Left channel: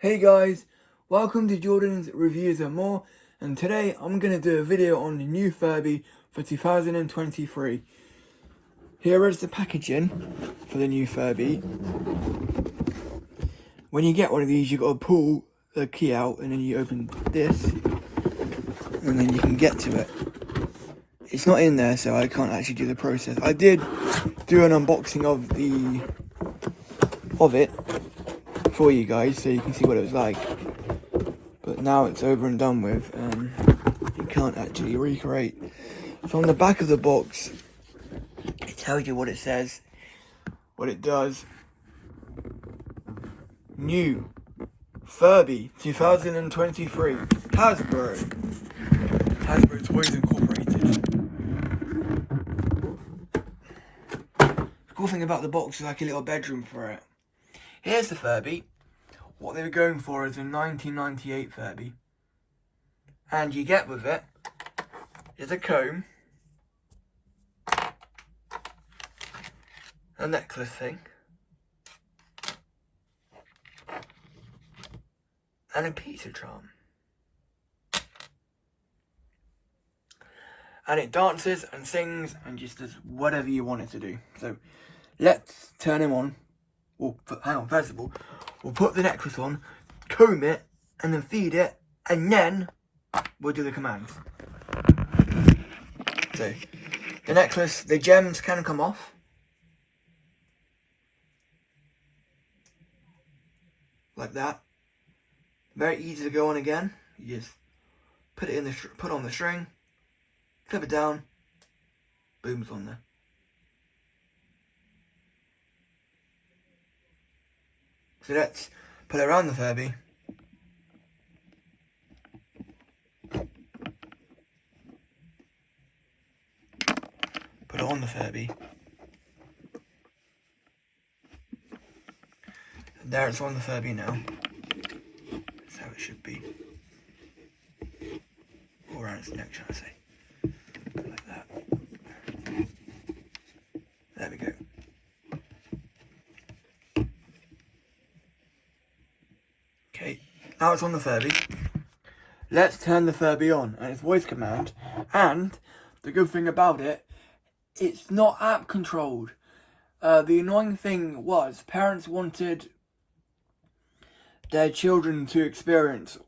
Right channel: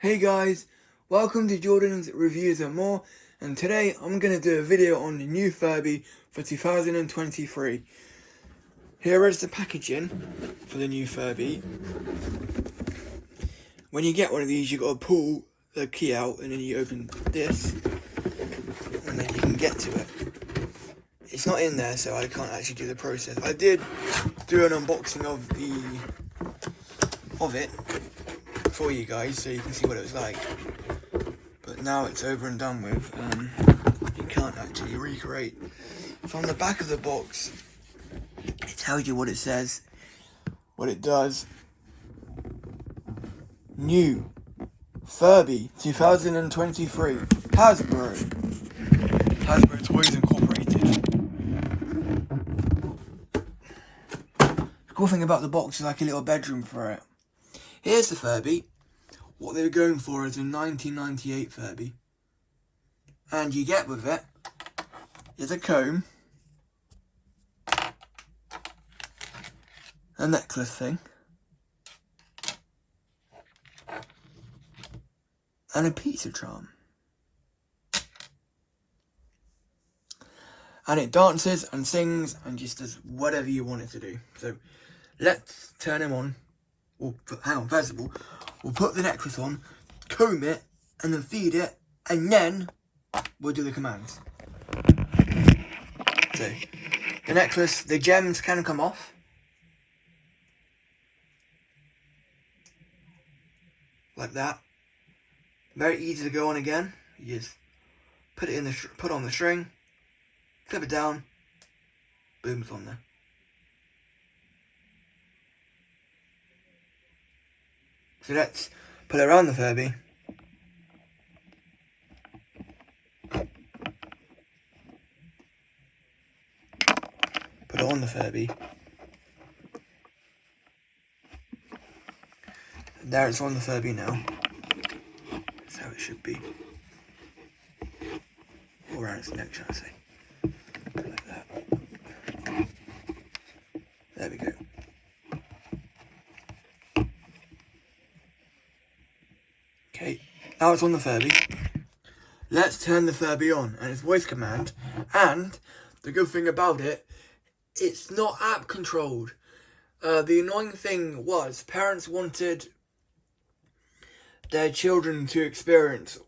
Hey guys, welcome to Jordan's Reviews and More, and today I'm going to do a video on the new Furby for 2023. Here is the packaging for the new Furby. When you get one of these, you've got to pull the key out and then you open this and then you can get to it. It's not in there, so I can't actually do the process. I did do an unboxing of it for you guys so you can see what it was like, but now it's over and done with. You can't actually recreate. From the back of the box, it tells you what it says, what it does. New Furby 2023 Hasbro Toys Incorporated. The cool thing about the box is like a little bedroom for it. Here's the Furby. What they were going for is a 1998 Furby. And you get with it is a comb, a necklace thing, and a pizza charm. And it dances and sings and just does whatever you want it to do. So let's turn him on. Hang on, first of all, we'll put the necklace on, comb it, and then feed it, and then we'll do the commands. So, the necklace, the gems can come off. Like that. Very easy to go on again. You just put it in put on the string, flip it down, boom, it's on there. So let's put it around the Furby. Put it on the Furby. And there it's on the Furby now. That's how it should be. Or around its neck, shall I say. Like that. There we go. Okay, now it's on the Furby. Let's turn the Furby on, and it's voice command. And the good thing about it, it's not app controlled. The annoying thing was parents wanted their children to experience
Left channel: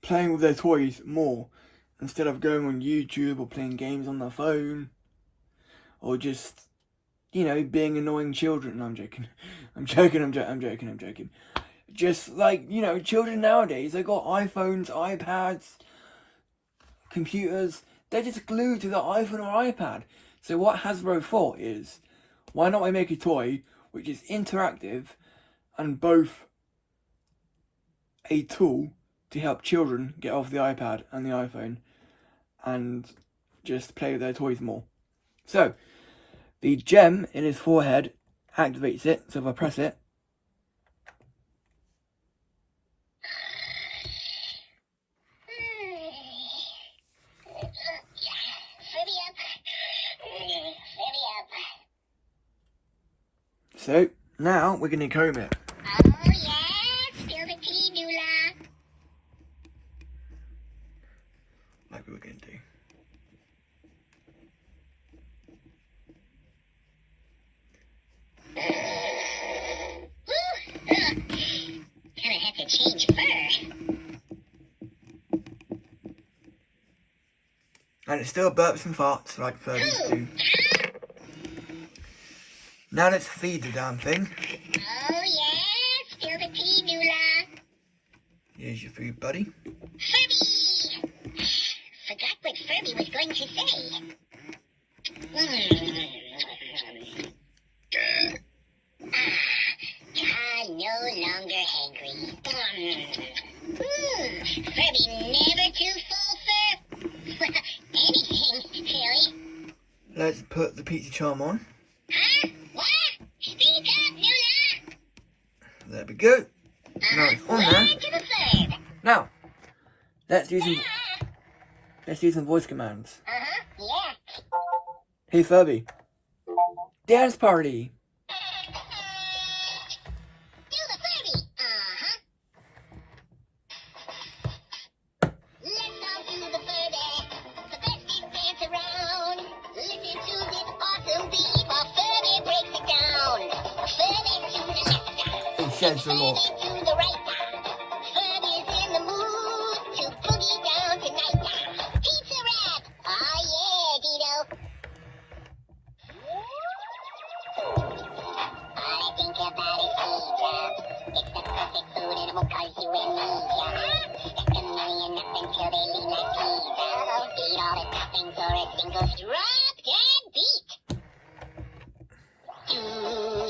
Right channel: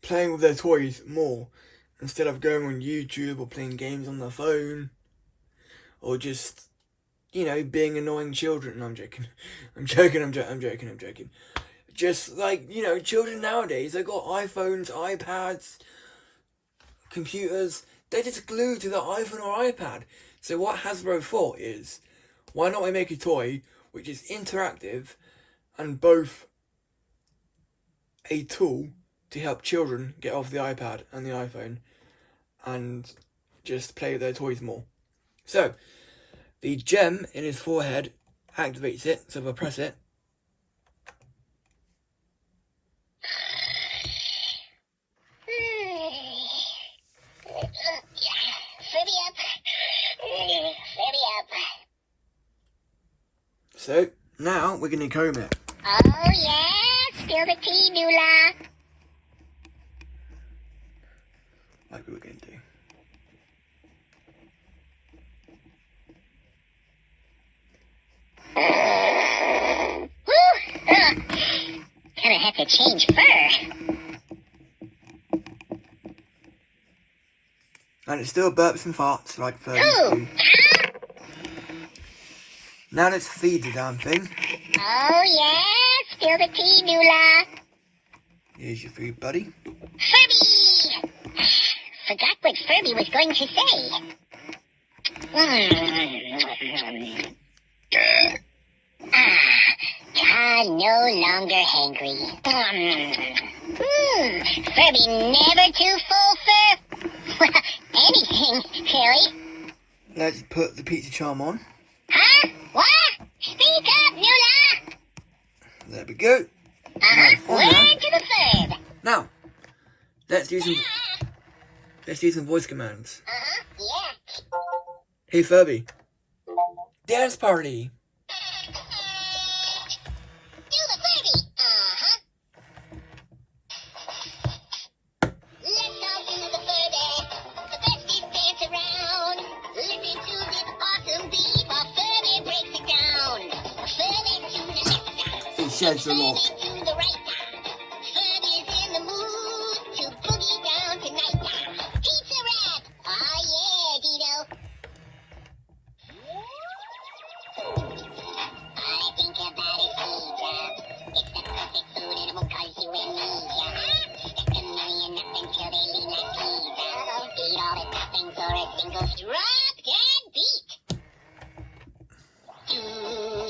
playing with their toys more instead of going on YouTube or playing games on their phone or just, being annoying children. No, I'm joking. I'm joking. Just like, children nowadays, they got iPhones, iPads, computers. They're just glued to the iPhone or iPad. So what Hasbro thought is, why not we make a toy which is interactive and both a tool to help children get off the iPad and the iPhone and just play with their toys more. So, the gem in his forehead activates it. So if I press it, so now we're going to comb it. Oh yeah, spill the tea, Nula. Like we were going to do. Gonna have to change fur. And it still burps and farts like Furbies do. Now let's feed the damn thing. Oh yeah, spill the tea, Nula. Here's your food, buddy. Furby! Forgot what Furby was going to say. No longer hangry. Furby never too full for anything, really. Let's put the pizza charm on. Huh? What? Speak up, Nula! There we go. Now it's on Word there. to the third. Now, let's do some voice commands. Yeah. Hey Furby. Dance party. Do the Furby. scared some more. To the right now. Furby's in the mood to boogie down tonight now. Pizza wrap! Oh yeah, Dino. All I think about is pizza. It's the perfect food and it won't cause you amnesia. Stuck a million up until they lean like pizza. Eat all the toppings or a single drop dead beat. Do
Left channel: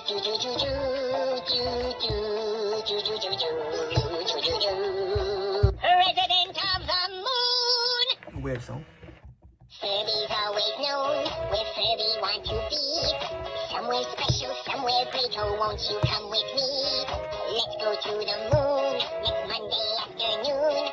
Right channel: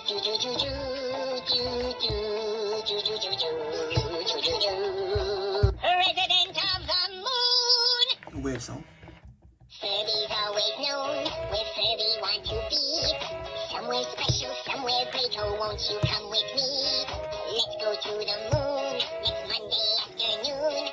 do do do do do do do do do do do. President of the Moon. Weird song. Furby's always known where Furby want to be. Somewhere special, somewhere great. Oh, won't you come with me? Let's go to the moon next Monday afternoon.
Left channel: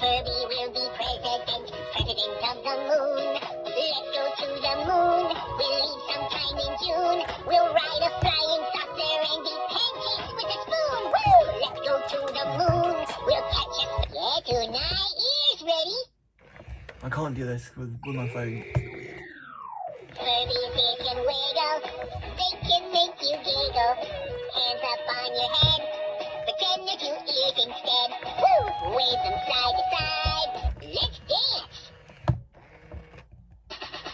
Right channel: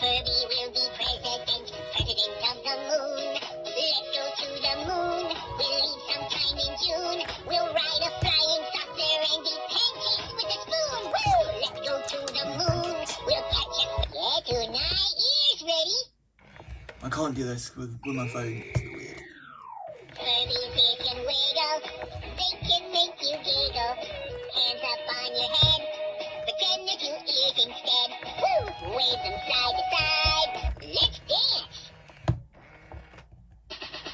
Furby will be president of the moon. Let's go to the moon. We'll leave sometime in June. We'll ride a flying saucer and eat pancakes with a spoon. Woo! Let's go to the moon. We'll catch a... Yeah, tonight. Ears ready? I can't do this with my phone. Furbies, they can wiggle, they can make you giggle. Hands up on your head, pretend they're two ears instead. Woo! Wave them side to side, let's dance!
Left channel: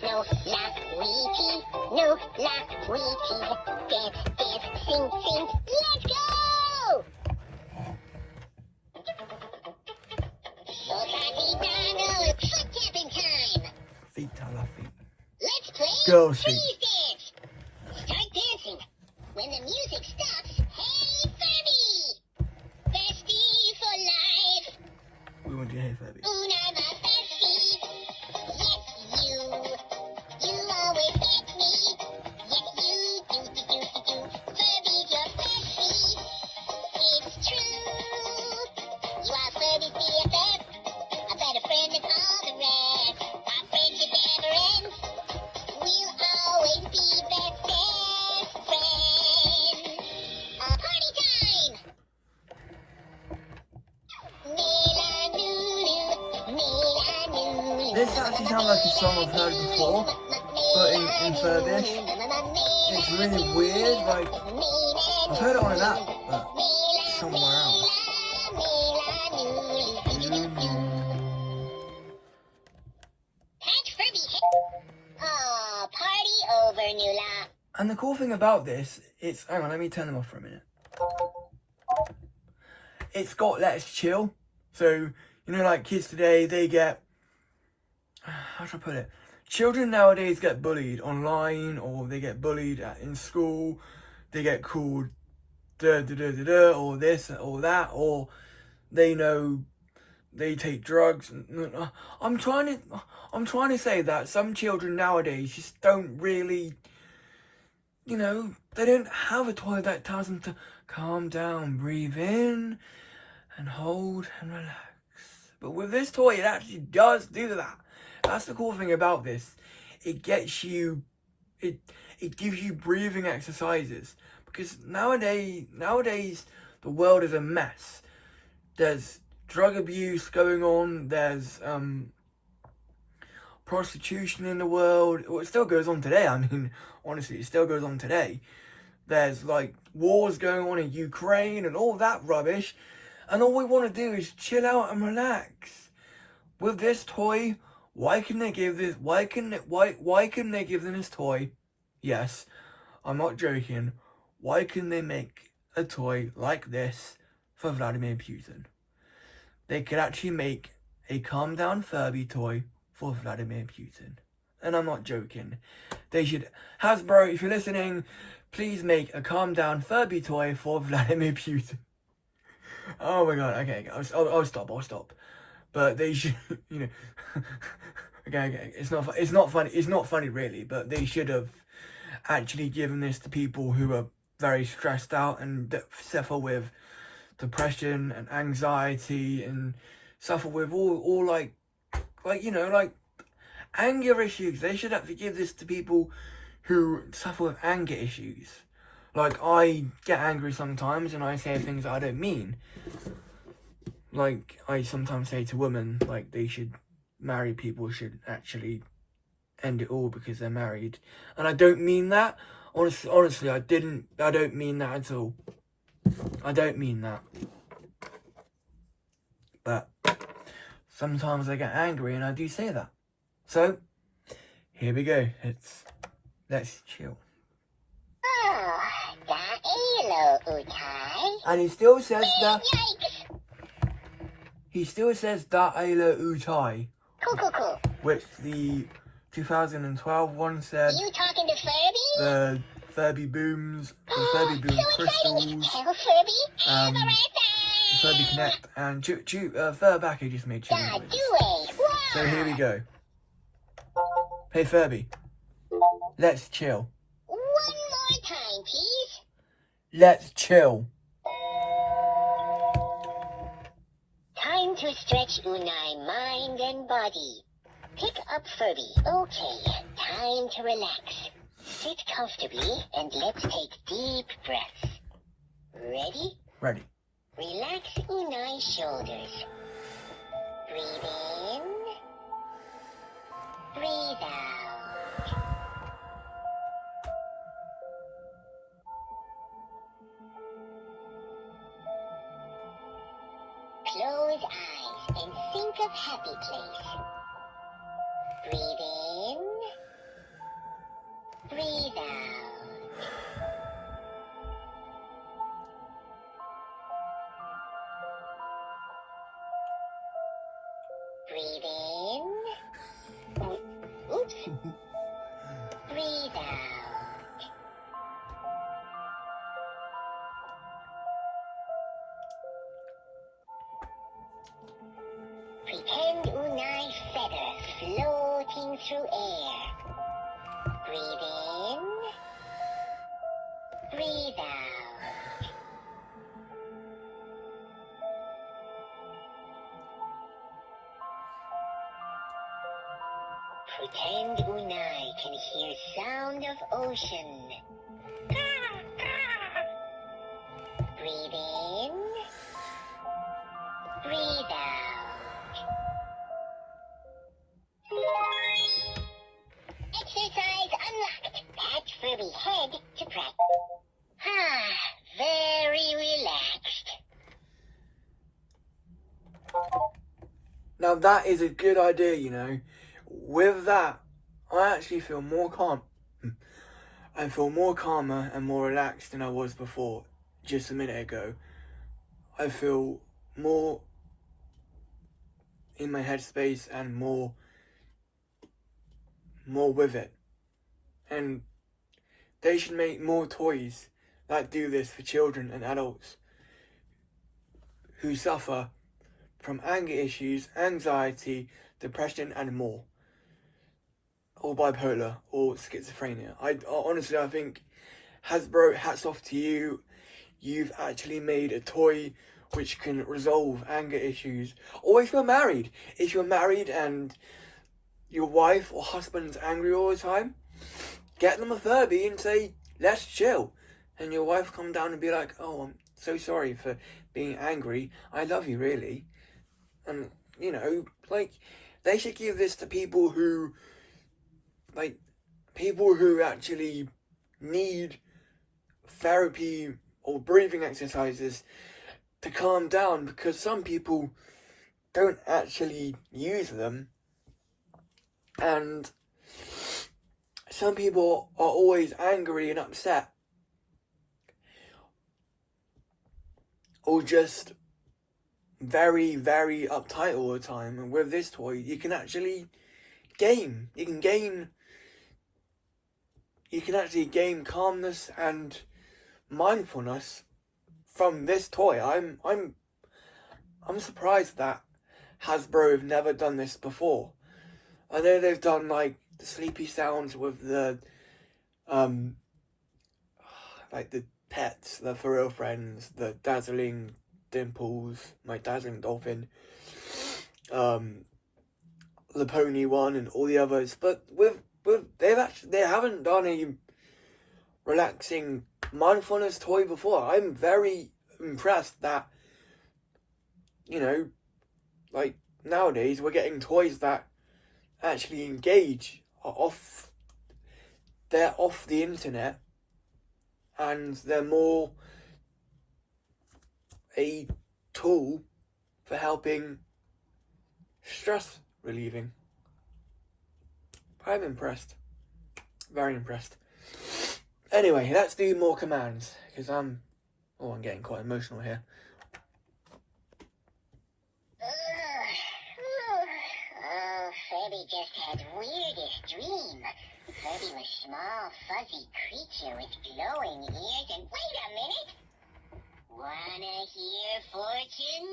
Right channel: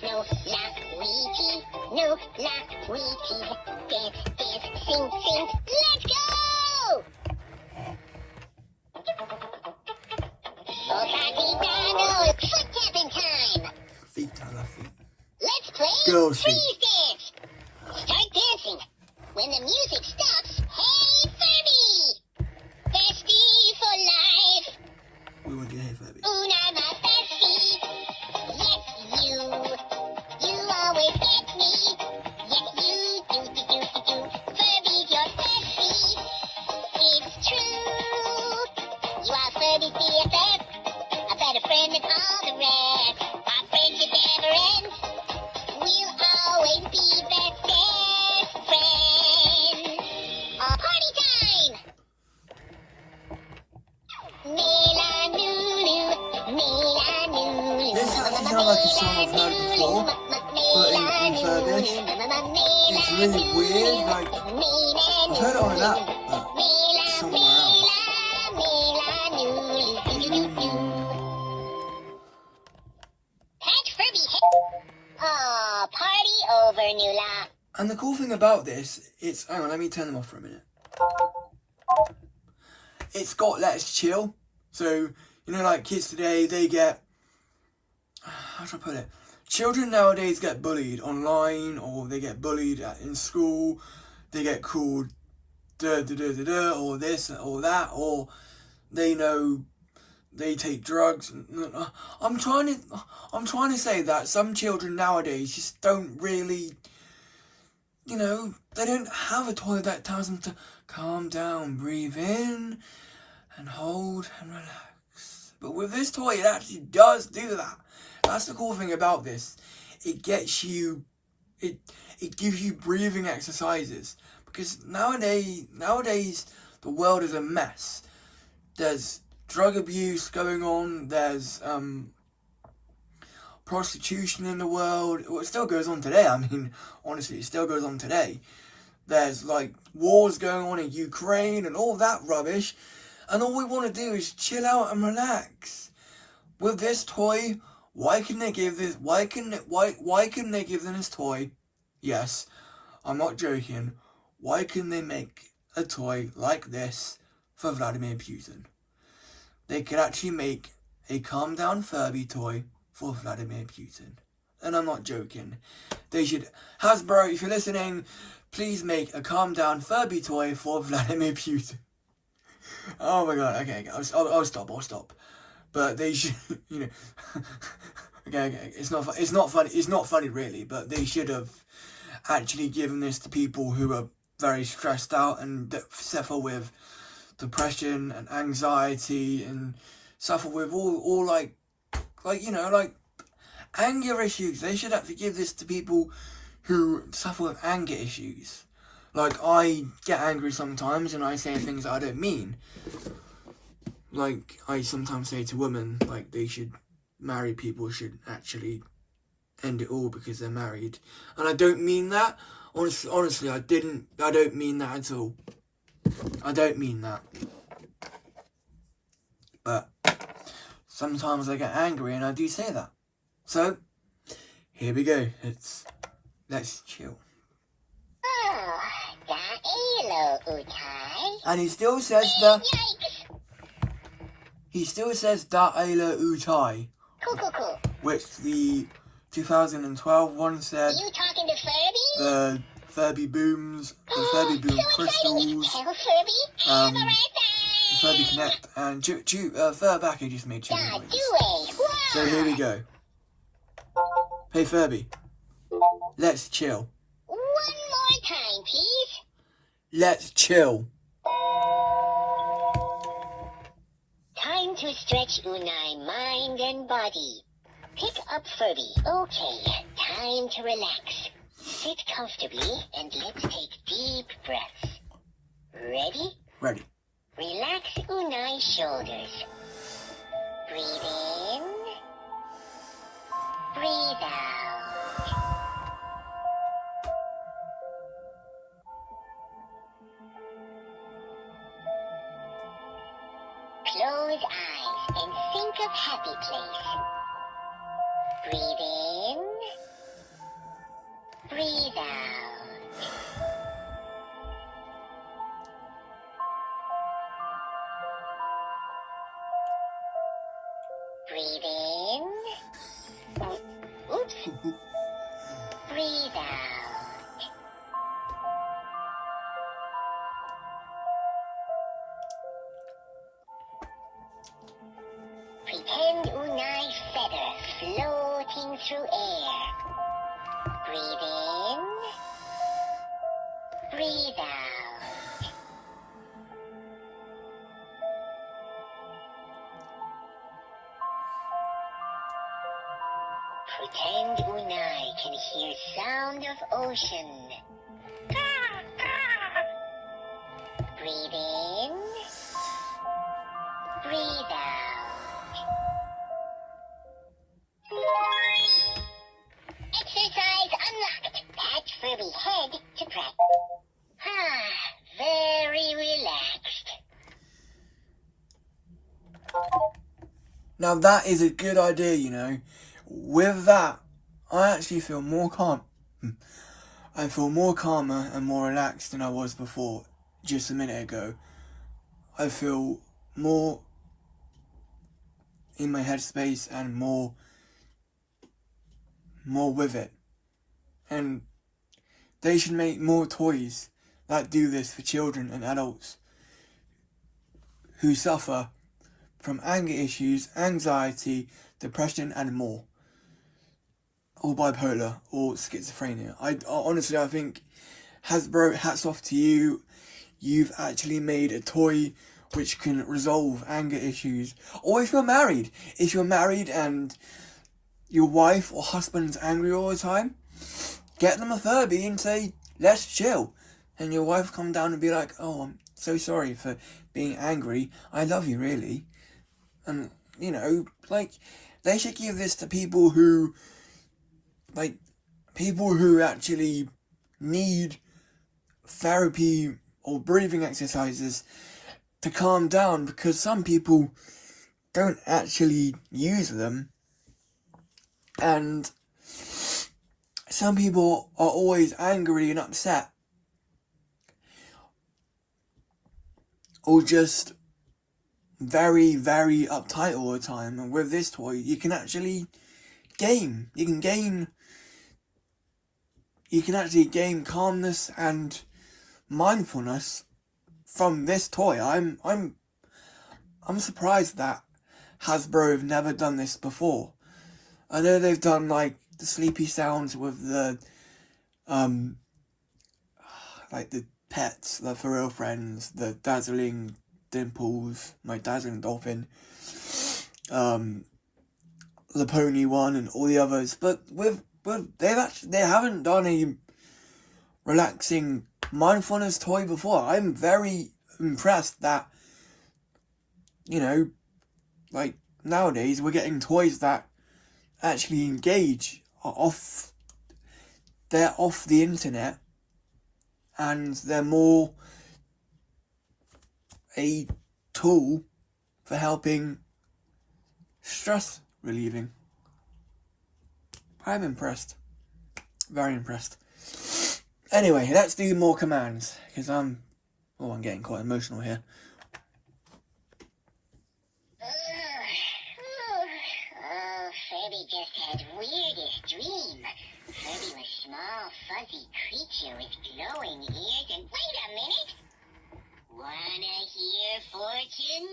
No, la, wee, tee, no, la, wee, tee. Dance, dance, sing, sing, let's go! Oh, Donald, foot tapping time! Feet, I love feet. Let's play Girls' freeze dance. Start dancing. When the music stops, hey Furby! Bestie for life. We want you here, Furby. Una my bestie. Yes, you. You always get me. Yes, you do, do, do, do, do. Furby's your bestie. It's true. You are Furby's BFF. A better friend than all the rest. Our friendship never ends. We'll always be best friends. Party time! Mela Nulu, Mela Nulu. This actually sounds like a song I've heard before, but in Furbish, it's really weird. Like, I've heard it on an app, but somewhere else. Patch Furby hit. Aw, party over, Nula. And the cool thing about this, it's... Hang on, let me turn them off for a minute. It's got let's chill. So, you know, like kids today, they get... How should I put it? Children nowadays get bullied online, or they get bullied in school. They get called or this or that, or they know they take drugs. I'm trying to say that some children nowadays just don't really, you know, they don't have a toy that tells them to calm down, breathe in, and hold and relax. But with this toy, it actually does do that. That's the cool thing about this. It gets you, it gives you breathing exercises. Because nowadays, the world is a mess. There's drug abuse going on. There's prostitution in the world. Well, it still goes on today. I mean, honestly, it still goes on today. There's like wars going on in Ukraine and all that rubbish. And all we want to do is chill out and relax. With this toy, why can they give this? Why can they give them this toy? Yes, I'm not joking. Why can they make a toy like this for Vladimir Putin? They could actually make a calm down Furby toy for Vladimir Putin. And I'm not joking. They should, Hasbro, if you're listening, please make a calm down Furby toy for Vladimir Putin. Oh my god, okay, I'll stop. But they should, you know, okay, it's not funny really, but they should have actually given this to people who are very stressed out and suffer with depression and anxiety and suffer with all like you know, like anger issues. They should actually give this to people who suffer with anger issues. Like, I get angry sometimes and I say things that I don't mean. Like, I sometimes say to women, like, they should, married people should actually end it all because they're married. And I don't mean that. Honestly, I don't mean that at all. I don't mean that. But sometimes I get angry and I do say that. So, here we go. Let's chill. Oh, hello, Utai. And he still says that. Yikes! He still says Da Ayla Utai, Cool. which the 2012 one said. You talking to Furby? The Furby Booms, the Furby Boom So exciting! Crystals, Tell Furby, have a right Furby Connect, and Furbacky just made two. Da, noise. do it! Wow! So here we go. Hey Furby, let's chill. One more time, please. Let's chill. Time to stretch Unai mind and body. Pick up Furby. Okay, time to relax. Sit comfortably and let's take deep breaths. Ready? Ready. Relax Unai's shoulders. Breathe in. Breathe out. Close eyes and think of happy place. Breathe in. Breathe out. Breathe in. Oops. Breathe out. Pretend Unai feather floating through air. Breathe in. Breathe out. Pretend Unai can hear sound of ocean. Breathe in. Breathe out. Exercise unlocked. Pat Furby head to practice. Very relaxed. Now that is a good idea, you know. With that, I actually feel more calm. I feel more calmer and more relaxed than I was before, just a minute ago. I feel more in my headspace and more with it. And they should make more toys that do this for children and adults who suffer from anger issues, anxiety, depression and more. Or bipolar or schizophrenia. I honestly think Hasbro, hats off to you. You've actually made a toy which can resolve anger issues. Or if you're married and your wife or husband's angry all the time, get them a Furby and say, let's chill. And your wife come down and be like, oh, I'm so sorry for being angry. I love you, really. And, you know, like, they should give this to people who actually need therapy or breathing exercises to calm down, because some people don't actually use them, and some people are always angry and upset, or just very, very uptight all the time. And with this toy, you can actually game. You can actually gain calmness and mindfulness from this toy. I'm surprised that Hasbro have never done this before. I know they've done like the sleepy sounds with the like the pets, the For Real Friends, the Dazzling Dimples, my Dazzling Dolphin, the Pony one and all the others, but they haven't done a relaxing mindfulness toy before. I'm very impressed that, you know, like nowadays we're getting toys that actually engage, they're off the internet, and they're more a tool for helping stress relieving. I'm impressed. Very impressed. Anyway, let's do more commands, because I'm getting quite emotional here. Furby just had weirdest dream. Furby was small, fuzzy creature with glowing ears and... Wait a minute! Wanna hear fortune?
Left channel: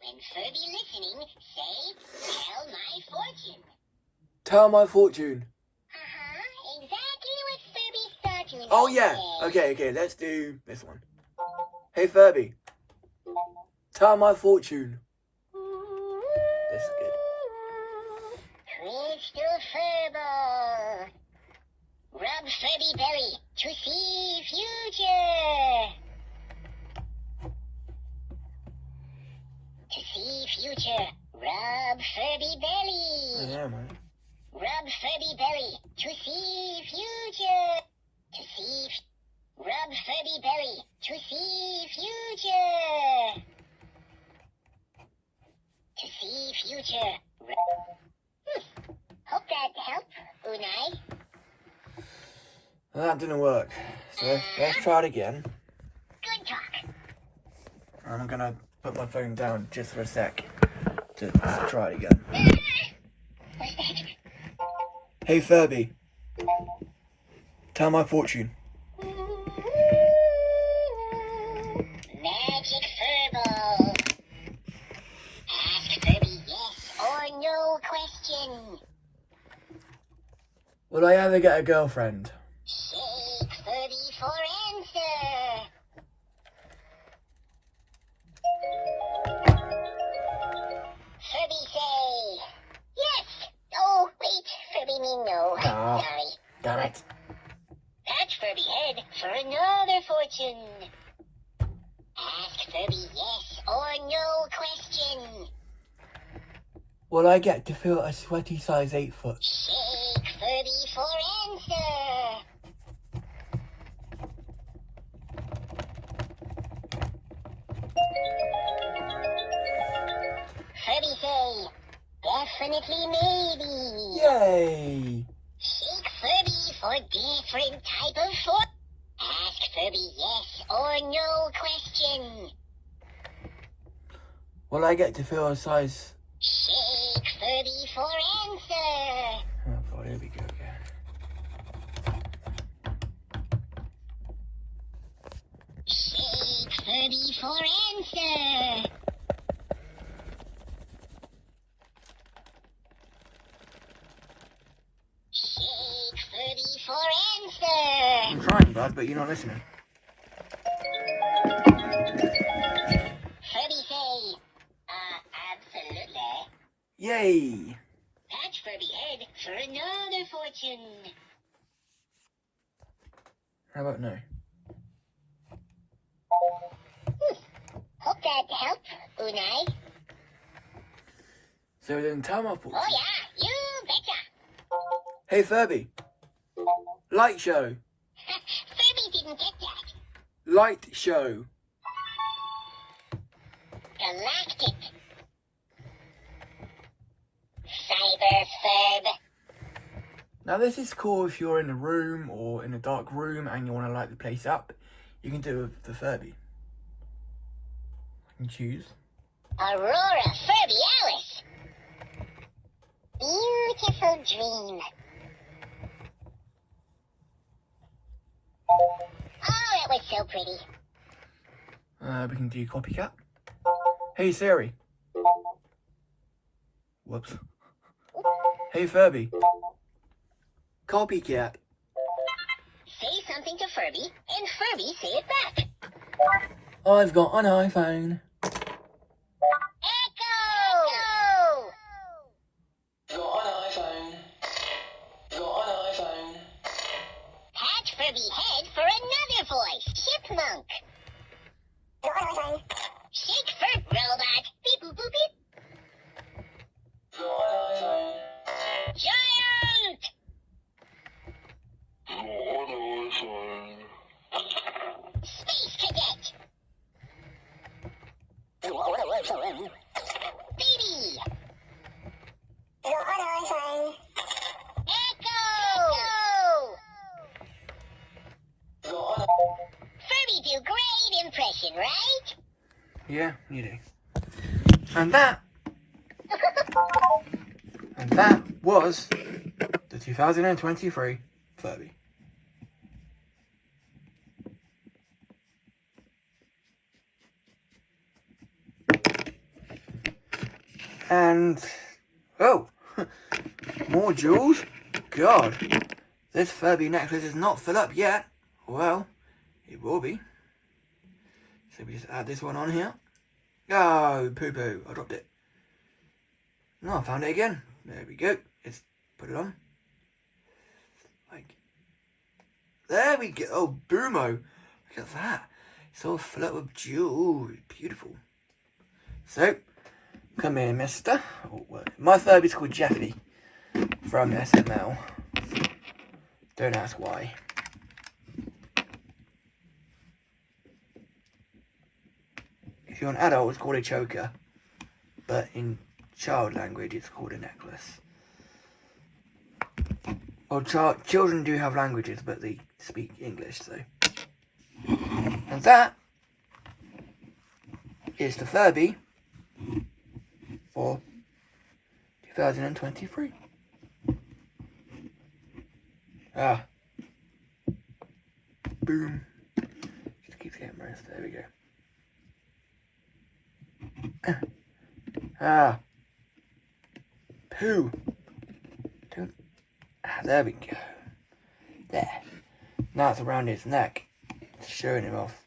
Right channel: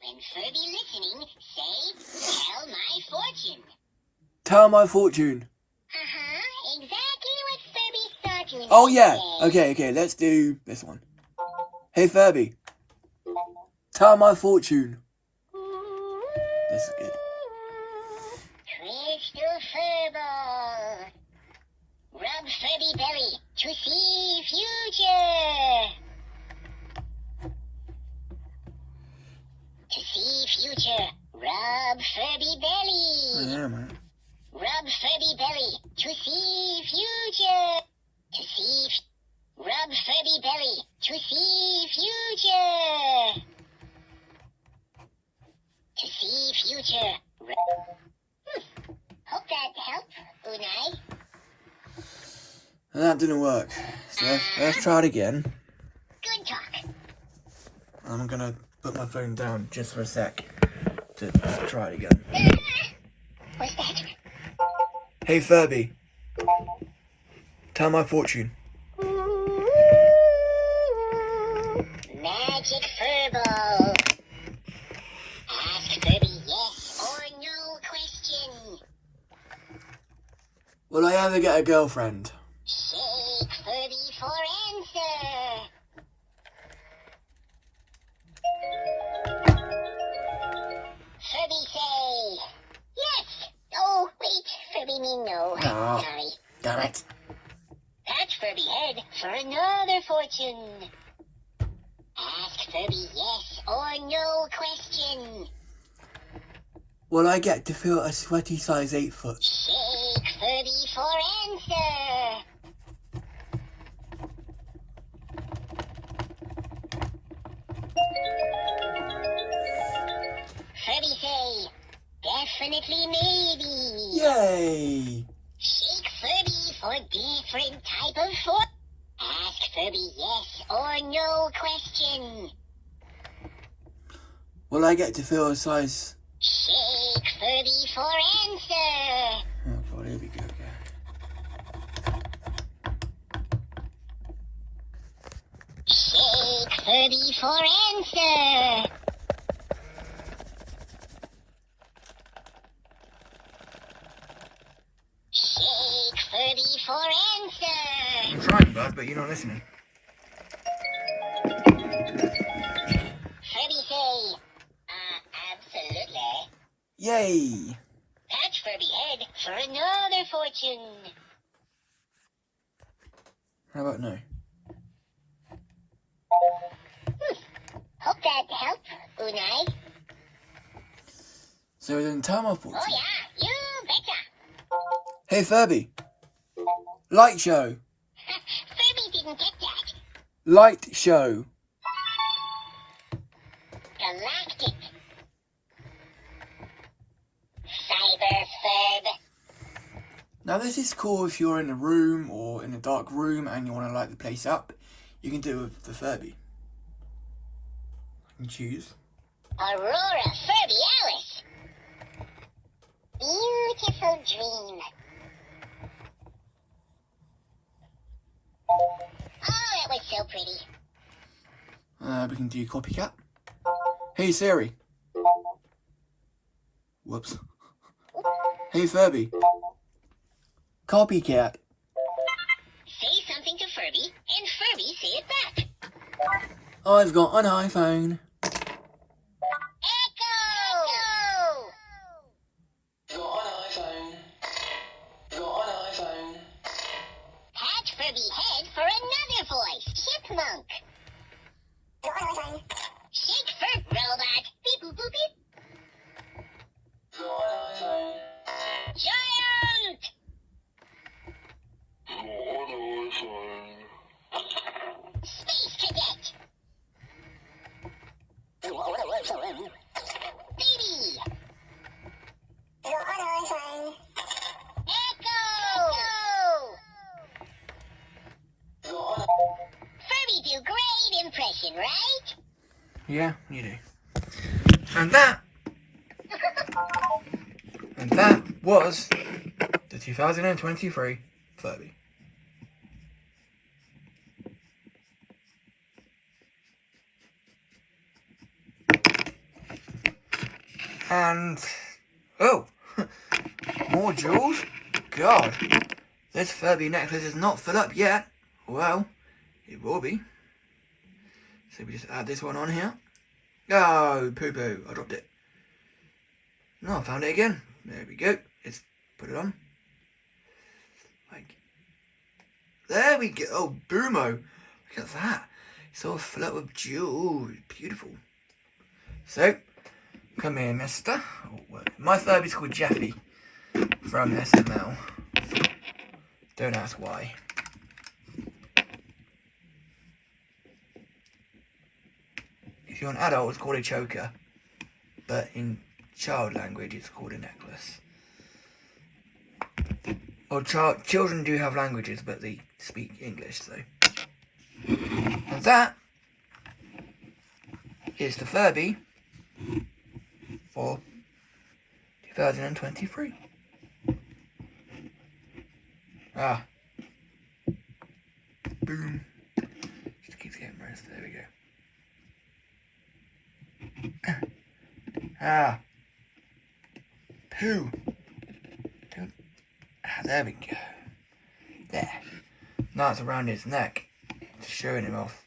When Furby listening, say, tell my fortune. Tell my fortune. Exactly what Furby thought you Oh might yeah. say. Okay, let's do this one. Hey Furby. Tell my fortune. This is good. Crystal Furball. Rub Furby belly to see future. To see future, rub Furby belly. Yeah, man. Rub Furby belly to see future. To see, rub Furby belly to see future. To see future. Hope that helped, Unai. That didn't work. So let's try it again. Good talk. I'm gonna put my phone down just for a sec to try it again. What's that? Hey Furby. Tell my fortune. Magic Furball. Ask Furby yes or no question. Will I ever get a girlfriend? Shake Furby for answer. Furby say yes. Oh, wait. Furby mean no. Ah. Sorry. Damn it. Pat Furby head for another fortune. Ask Furby yes or no question. Will I get to feel a sweaty size 8 foot? Shake Furby for answer. Furby say, definitely maybe. Yay! Shake Furby for different type of fortune. Ask Furby yes or no question. Will I get to feel a size... Shake Furby for answer. Oh god, here we go again. Shake Furby for answer. Shake Furby for answer. I'm trying, bud, but you're not listening. Furby say, absolutely. Yay! Patch Furby head for another fortune. How about no? Hope that helped, Unai. So then tell my fortune. Oh yeah, you betcha. Hey Furby. Light show. Furby didn't get that. Light show. Galactic. Cyber Furb. Now this is cool if you're in a room or in a dark room and you want to light the place up. You can do it with the Furby. You can choose. Aurora Furby Alice. Beautiful dream. Oh, that was so pretty. We can do copycat. Hey Siri. Whoops. Hey Furby. Copycat. Say something to Furby, and Furby say it back. I've got an iPhone. Echo! Got an iPhone. Got an iPhone. Pat Furby head for another voice. Chipmunk. Shake Furb robot. Beep boop boop beep. Got an iPhone. Giant! Got an iPhone. Space Cadet. Baby! Echo! Furby do great impression, right? Yeah, you do. And that was the 2023 Furby. And oh, more jewels? God, this Furby necklace is not filled up yet. Well, it will be. So we just add this one on here. Oh, poo-poo, I dropped it. No, I found it again. There we go. Let's put it on. Like, there we go. Oh, boomo. Look at that. It's all filled up with jewels. Beautiful. So, come here, mister. Oh, my Furby's called Jeffy from SML. Don't ask why. If you're an adult, it's called a choker. But in child language, it's called a necklace. Well, children do have languages, but they speak English, so. And that is the Furby for 2023. Ah. Boom. Just keeps getting rest. There we go. Ah. Poo. Don't. Ah, there we go. There. Now it's around his neck. It's showing him off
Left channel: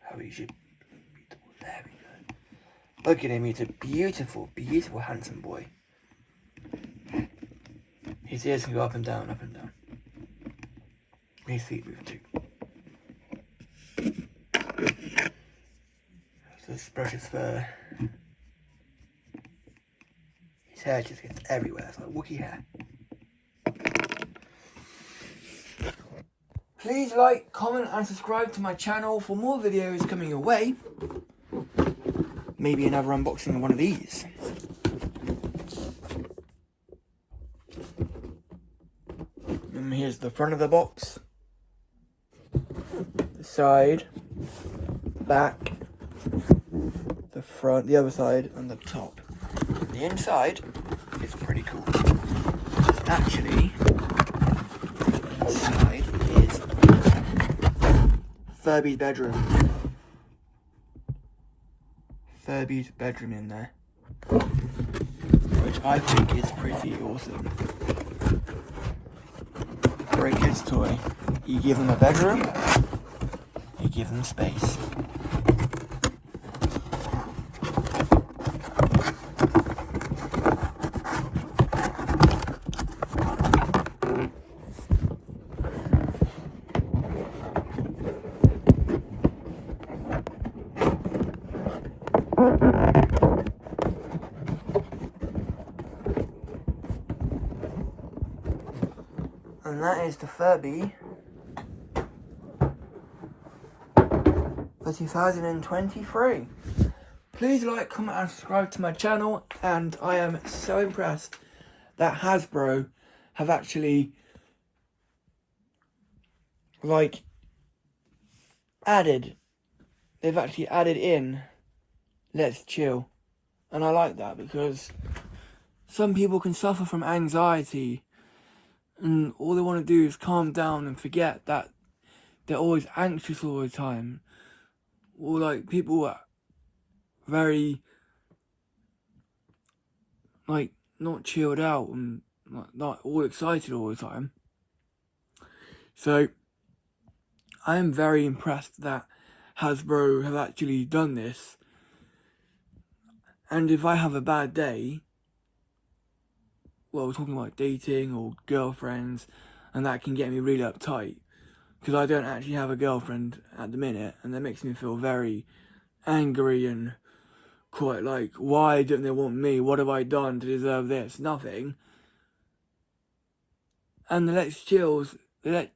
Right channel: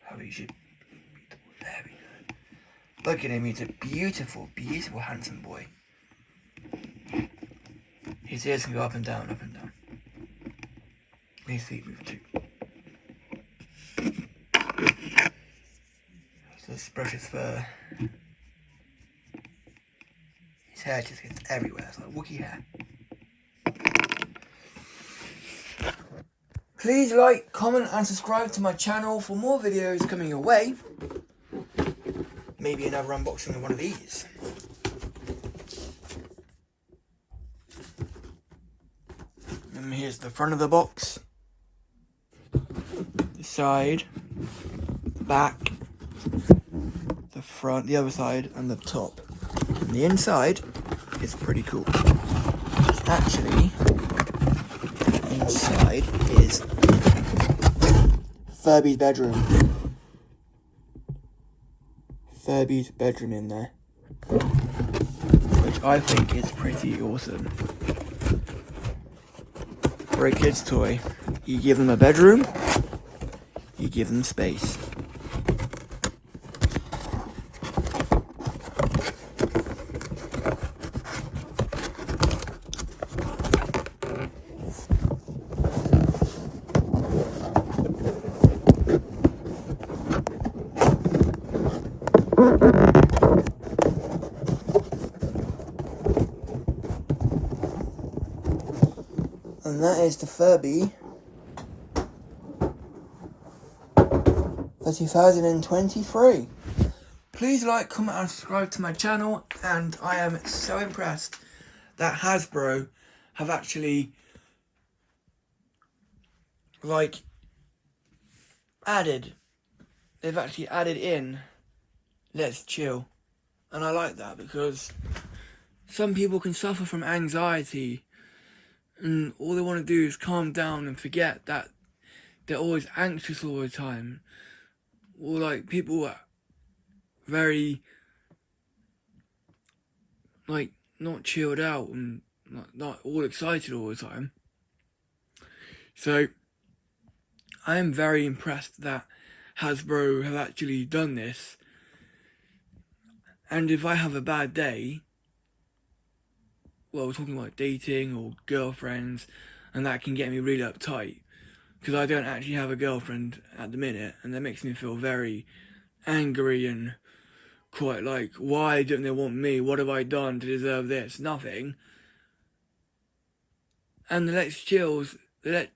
how he should. There we go. Look at him. He's a beautiful, beautiful, handsome boy. His ears can go up and down, up and down. His feet move too. Let's brush his fur. His hair just gets everywhere. It's like Wookiee hair. Please like, comment and subscribe to my channel for more videos coming your way. Maybe another unboxing of one of these. And here's the front of the box. The side. The back. The front, the other side, and the top. And the inside is pretty cool. Actually, the inside is Furby's bedroom. Furby's bedroom in there. Which I think is pretty awesome. For a kid's toy, you give them a bedroom, you give them space. And that is the Furby for 2023. Please like, comment and subscribe to my channel, and I am so impressed that Hasbro have actually they've actually added in Let's Chill. And I like that because some people can suffer from anxiety and all they want to do is calm down and forget that they're always anxious all the time. Or like people are very not chilled out and not all excited all the time. So I am very impressed that Hasbro have actually done this. And if I have a bad day, well, we're talking about dating or girlfriends, and that can get me really uptight because I don't actually have a girlfriend at the minute, and that makes me feel very angry and quite like, why don't they want me? What have I done to deserve this? Nothing. And the Let's Chills, the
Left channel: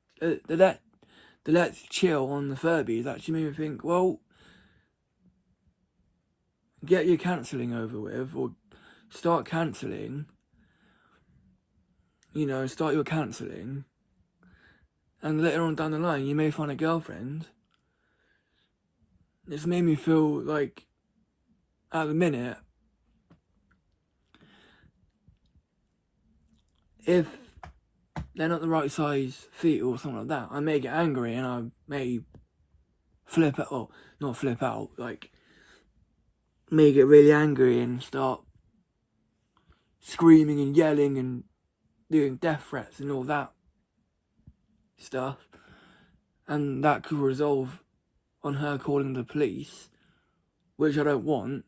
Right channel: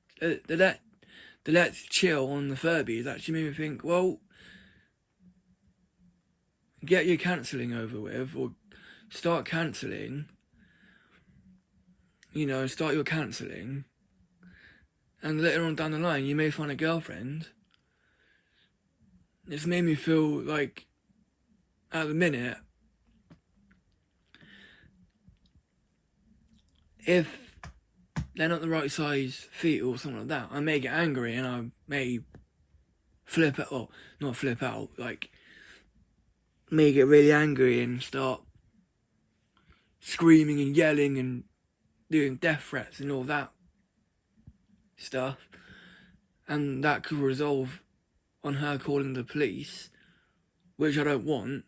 Let's Chill on the Furbies actually made me think, well, get your cancelling over with, or start cancelling, start your cancelling, and later on down the line you may find a girlfriend. It's made me feel like, at the minute, if they're not the right size feet or something like that, I may get angry and I may flip out, well, not flip out, like, may get really angry and start screaming and yelling and doing death threats and all that stuff. And that could resolve on her calling the police, which I don't want.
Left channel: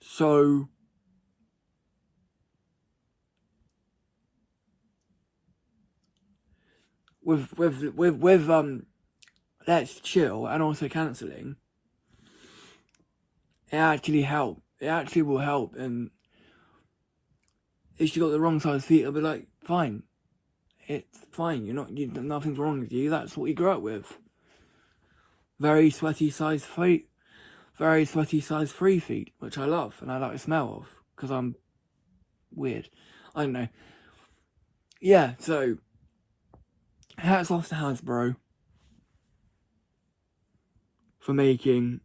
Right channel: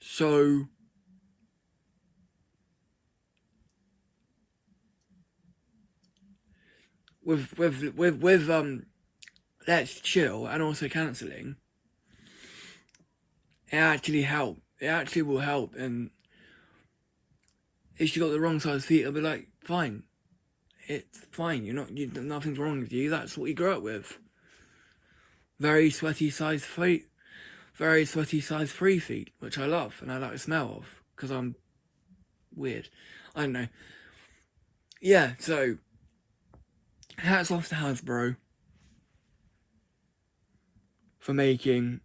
So with Let's Chill and also cancelling, it actually will help. And if she got the wrong size feet, I'll be like, fine, it's fine, nothing's wrong with you, that's what you grew up with. Very sweaty size feet, very sweaty size 3 feet, which I love and I like the smell of, because I'm weird, I don't know. Yeah, so hats off to Hasbro for making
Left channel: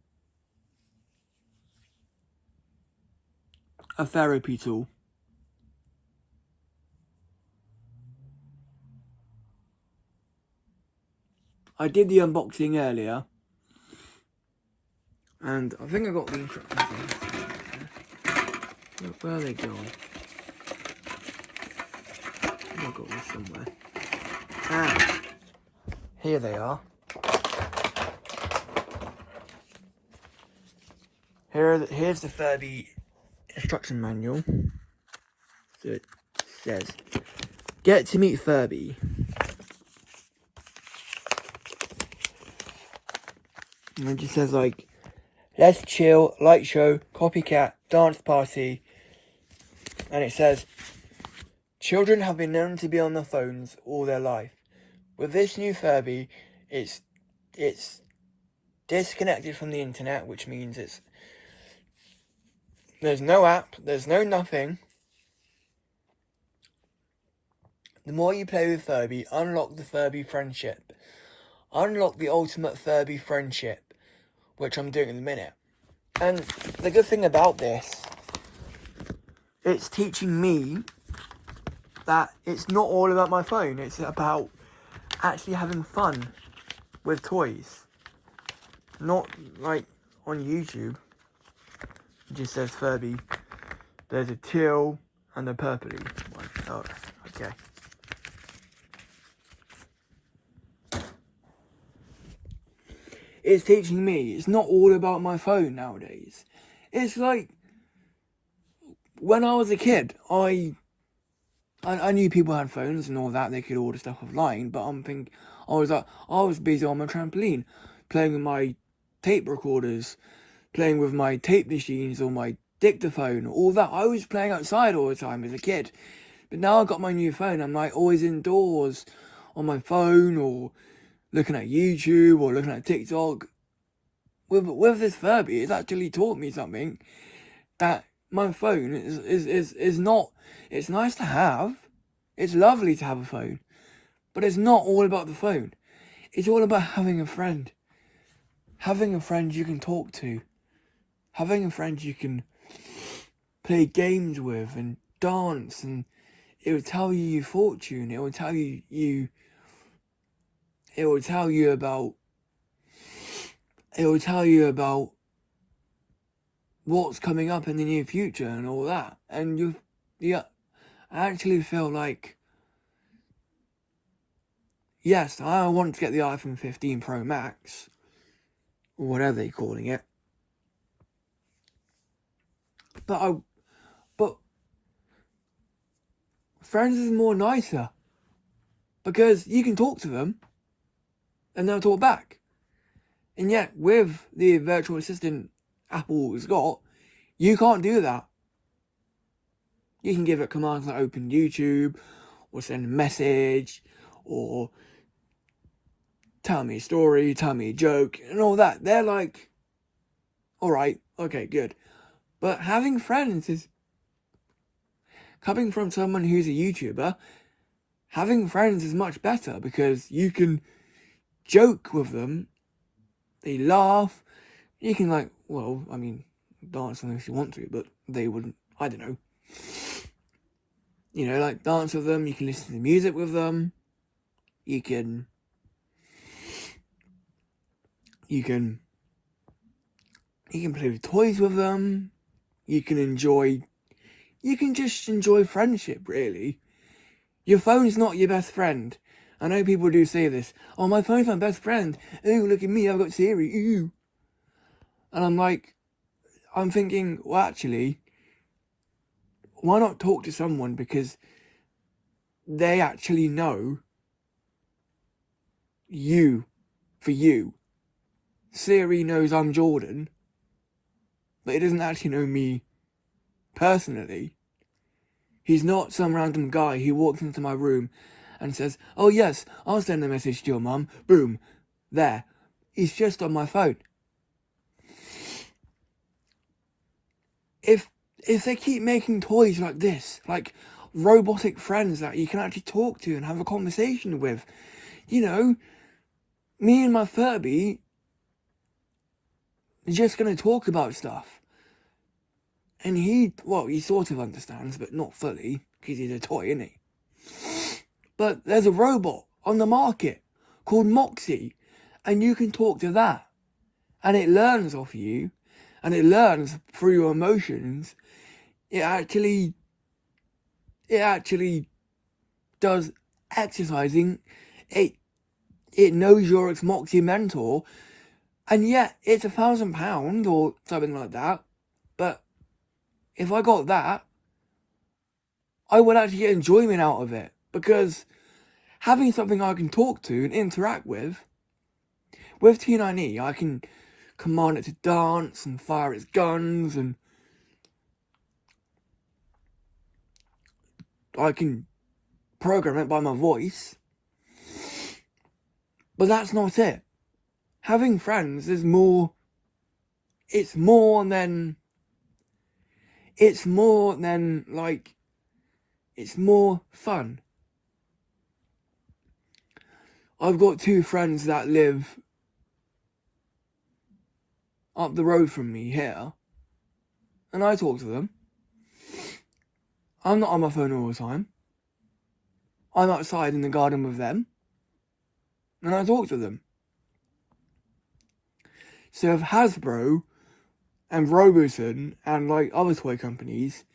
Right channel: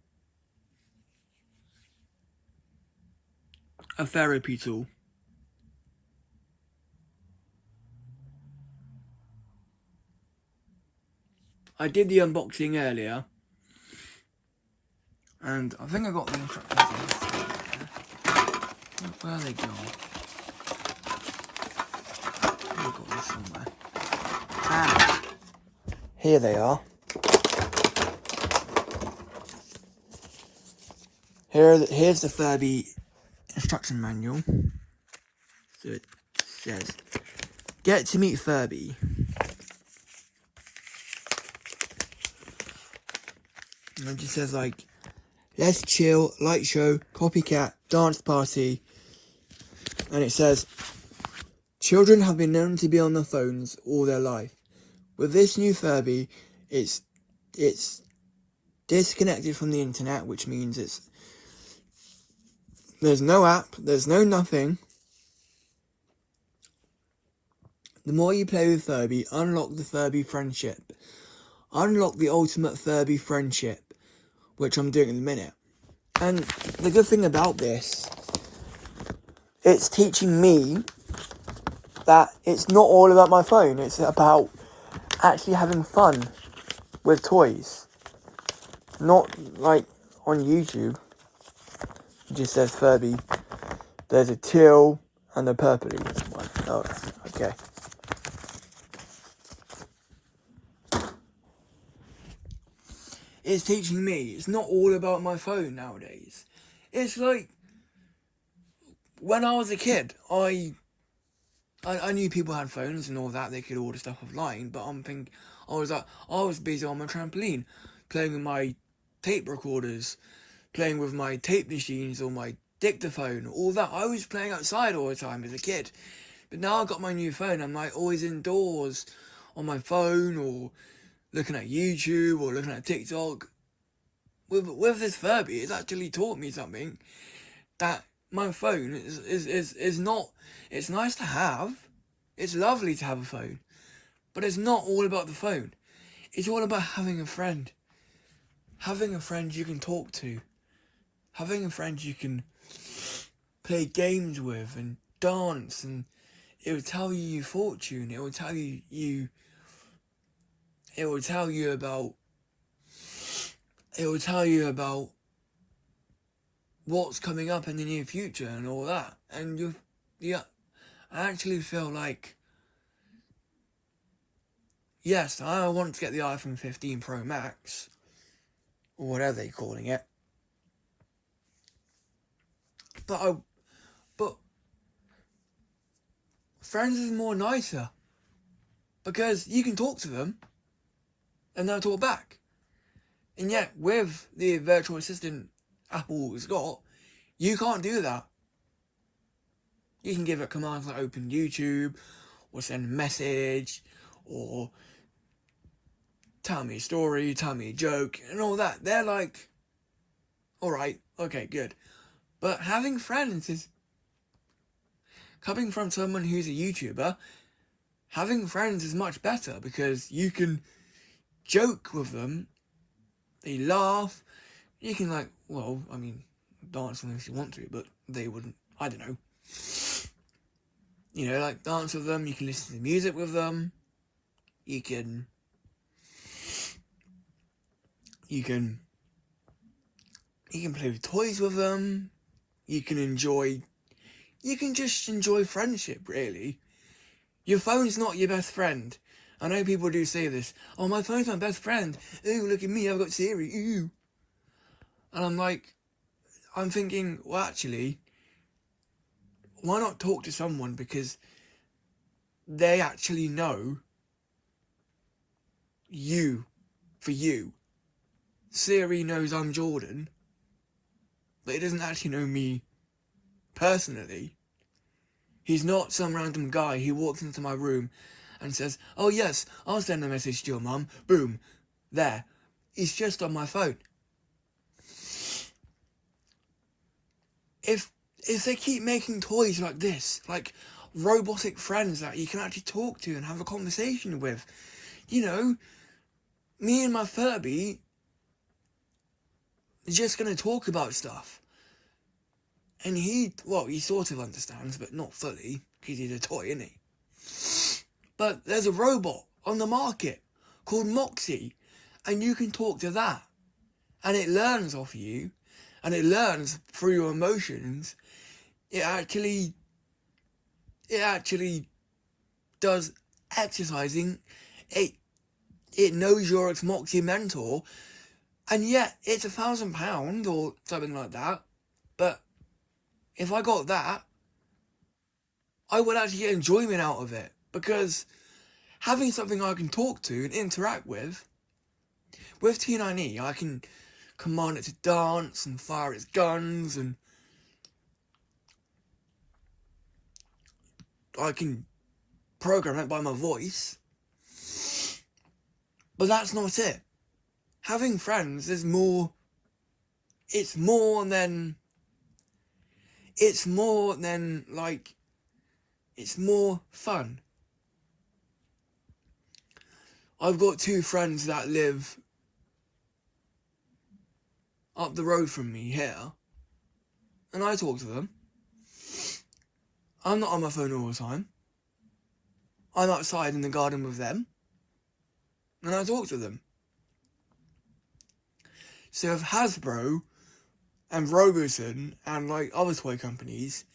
a therapy tool. I did the unboxing earlier, and I think I got the instructions. Where are they gone? I've got this somewhere. Ah, here they are. Here's the Furby instruction manual. So it says, get to meet Furby. And it just says, like, let's chill, light show, copycat, dance party. And it says, children have been known to be on their phones all their life. With this new Furby, it's disconnected from the internet, which means there's no app, there's no nothing. The more you play with Furby, unlock the Furby friendship. Unlock the ultimate Furby friendship, which I'm doing in a minute. And the good thing about this, it's teaching me that it's not all about my phone. It's about actually having fun with toys. Not like on YouTube. It just says Furby. There's a teal and a purpley one. Oh, okay. It's teaching me it's not all about my phone nowadays. It's like when I was a kid, I knew people had phones and all that, they could order stuff offline, but I was busy on my trampoline, playing with my tape recorders, playing with my tape machines or my dictaphone, all that. I was playing outside all the time as a kid. But now I've got my new phone, I'm like always indoors on my phone or looking at YouTube or looking at TikTok. With this Furby, it's actually taught me something, that my phone is not, it's nice to have, it's lovely to have a phone, but it's not all about the phone. It's all about having a friend. Having a friend you can talk to. Having a friend you can play games with and dance, and it will tell you your fortune, it will tell you about what's coming up in the near future and all that. And I actually feel like, yes, I want to get the iPhone 15 Pro Max, or whatever they're calling it. But friends is more nicer, because you can talk to them and they'll talk back. And yet, with the virtual assistant Apple has got, you can't do that. You can give it commands like open YouTube, or send a message, or tell me a story, tell me a joke, and all that. They're like alright, okay, good. But having friends is, coming from someone who's a YouTuber, having friends is much better because you can joke with them, they laugh, you can like, well, I mean, dance with them if you want to, but they wouldn't, I don't know. You know, like dance with them, you can listen to music with them, you can play with toys with them, you can just enjoy friendship, really. Your phone's not your best friend. I know people do say this. Oh, my phone's my best friend. Ooh, look at me, I've got Siri. Ooh. And I'm thinking, well, actually, why not talk to someone because they actually know you for you. Siri knows I'm Jordan, but it doesn't actually know me personally. He's not some random guy who walks into my room and says, oh yes, I'll send a message to your mum. Boom. There. He's just on my phone. If they keep making toys like this, like robotic friends that you can actually talk to and have a conversation with, you know, me and my Furby are just going to talk about stuff. And he sort of understands, but not fully, because he's a toy, isn't he? But there's a robot on the market called Moxie, and you can talk to that. And it learns off you, and it learns through your emotions. It actually does exercising. It knows you're its Moxie mentor, and yet it's £1,000 or something like that. But if I got that, I would actually get enjoyment out of it, because having something I can talk to and interact with T9E, I can command it to dance and fire its guns, and I can program it by my voice. But that's not it. Having friends is more... It's more than it's more fun. I've got 2 friends that live up the road from me here, and I talk to them. I'm not on my phone all the time. I'm outside in the garden with them, and I talk to them. So if Hasbro and Roboson and like other toy companies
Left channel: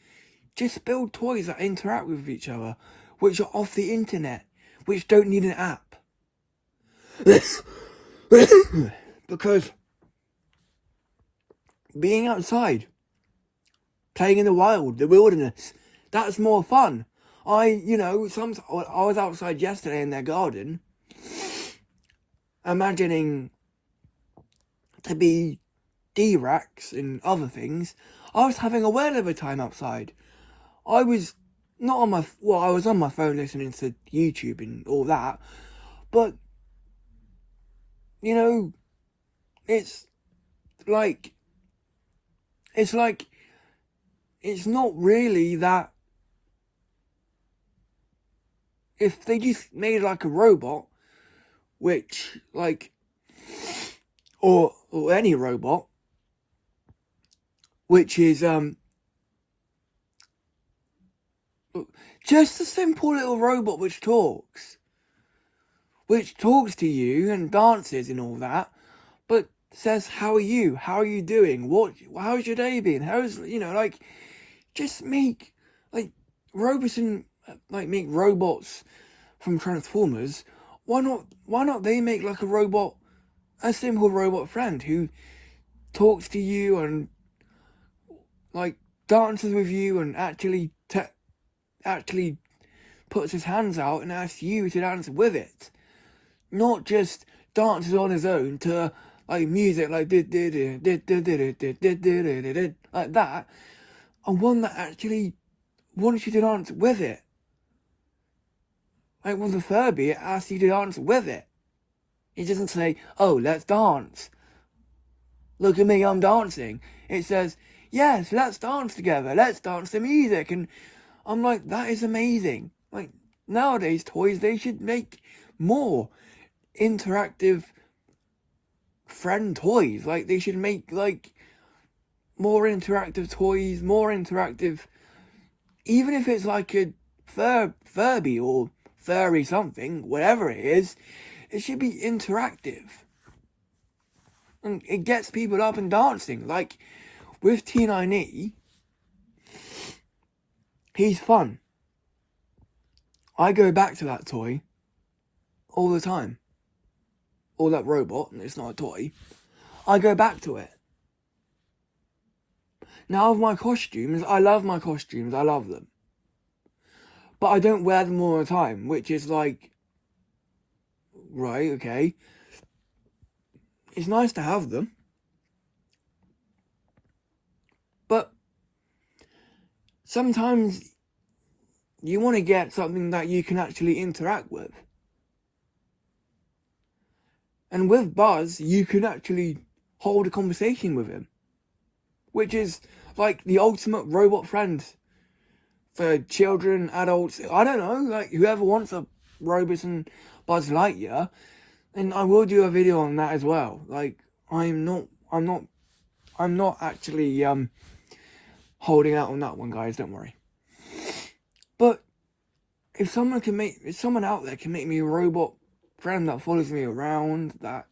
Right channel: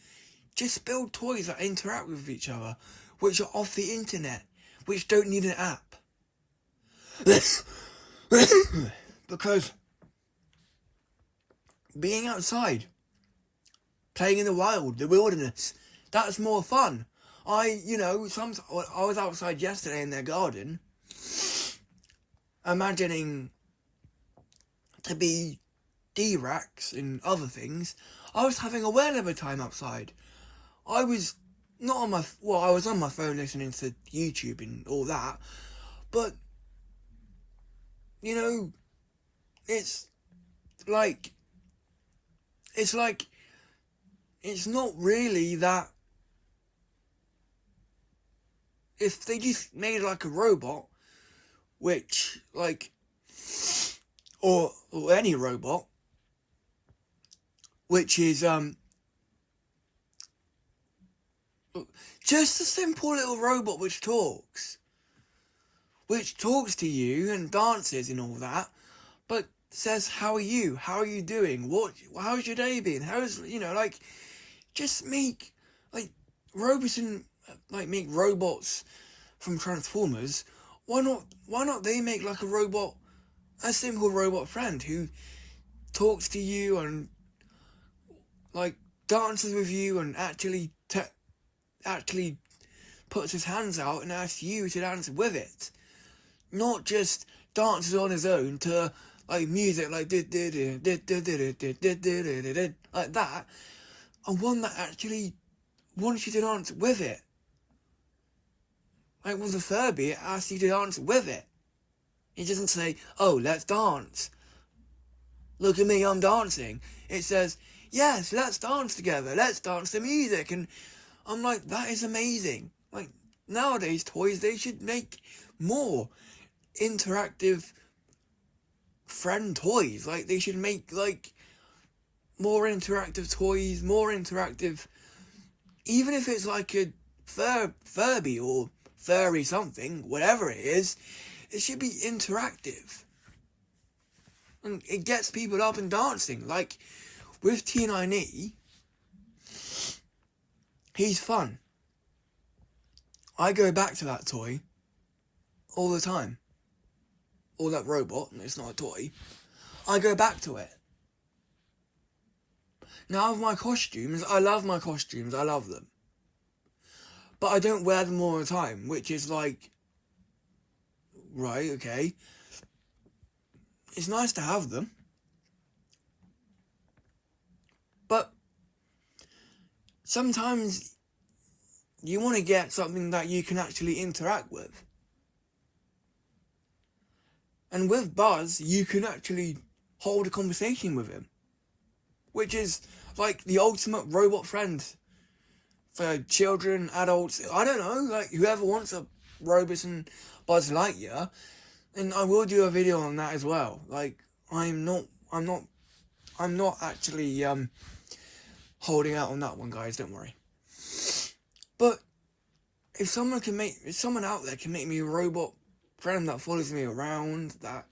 just build toys that interact with each other, which are off the internet, which don't need an app. Because being outside, playing in the wild, the wilderness, that's more fun. I was outside yesterday in their garden, imagining to be D-Rex and other things. I was having a whale of a time outside. I was not on my... Well, I was on my phone listening to YouTube and all that. But, you know, it's not really that... If they just made like a robot, which, like... Or any robot, which is, just a simple little robot which talks to you and dances and all that, but says, how are you? How are you doing? How's your day been? Just make, Roboson, make robots from Transformers. Why not they make like a simple robot friend who talks to you and dances with you and actually puts his hands out and asks you to dance with it, not just dances on his own to music like that, and one that actually wants you to dance with it. Like with the Furby, it asks you to dance with it. It doesn't say, oh, let's dance. look at me, I'm dancing. It says, yes, let's dance together, let's dance to music. And I'm like, that is amazing. Like, nowadays, toys, they should make more interactive friend toys. Like, they should make, like, more interactive toys, more interactive, even if it's like a Furby or furry something, whatever it is, it should be interactive. And it gets people up and dancing. Like, with T9E, he's fun. I go back to that toy all the time. Or that robot, it's not a toy. I go back to it. Now, with my costumes, I love my costumes, I love them. But I don't wear them all the time, which is like, right, okay. It's nice to have them. But sometimes you want to get something that you can actually interact with. And with Buzz, you can actually hold a conversation with him. Which is like the ultimate robot friend for children, adults, I don't know, like whoever wants a Roboson Buzz Lightyear. And I will do a video on that as well. Like, I'm not actually holding out on that one, guys, don't worry. But if someone out there can make me a robot friend that follows me around, that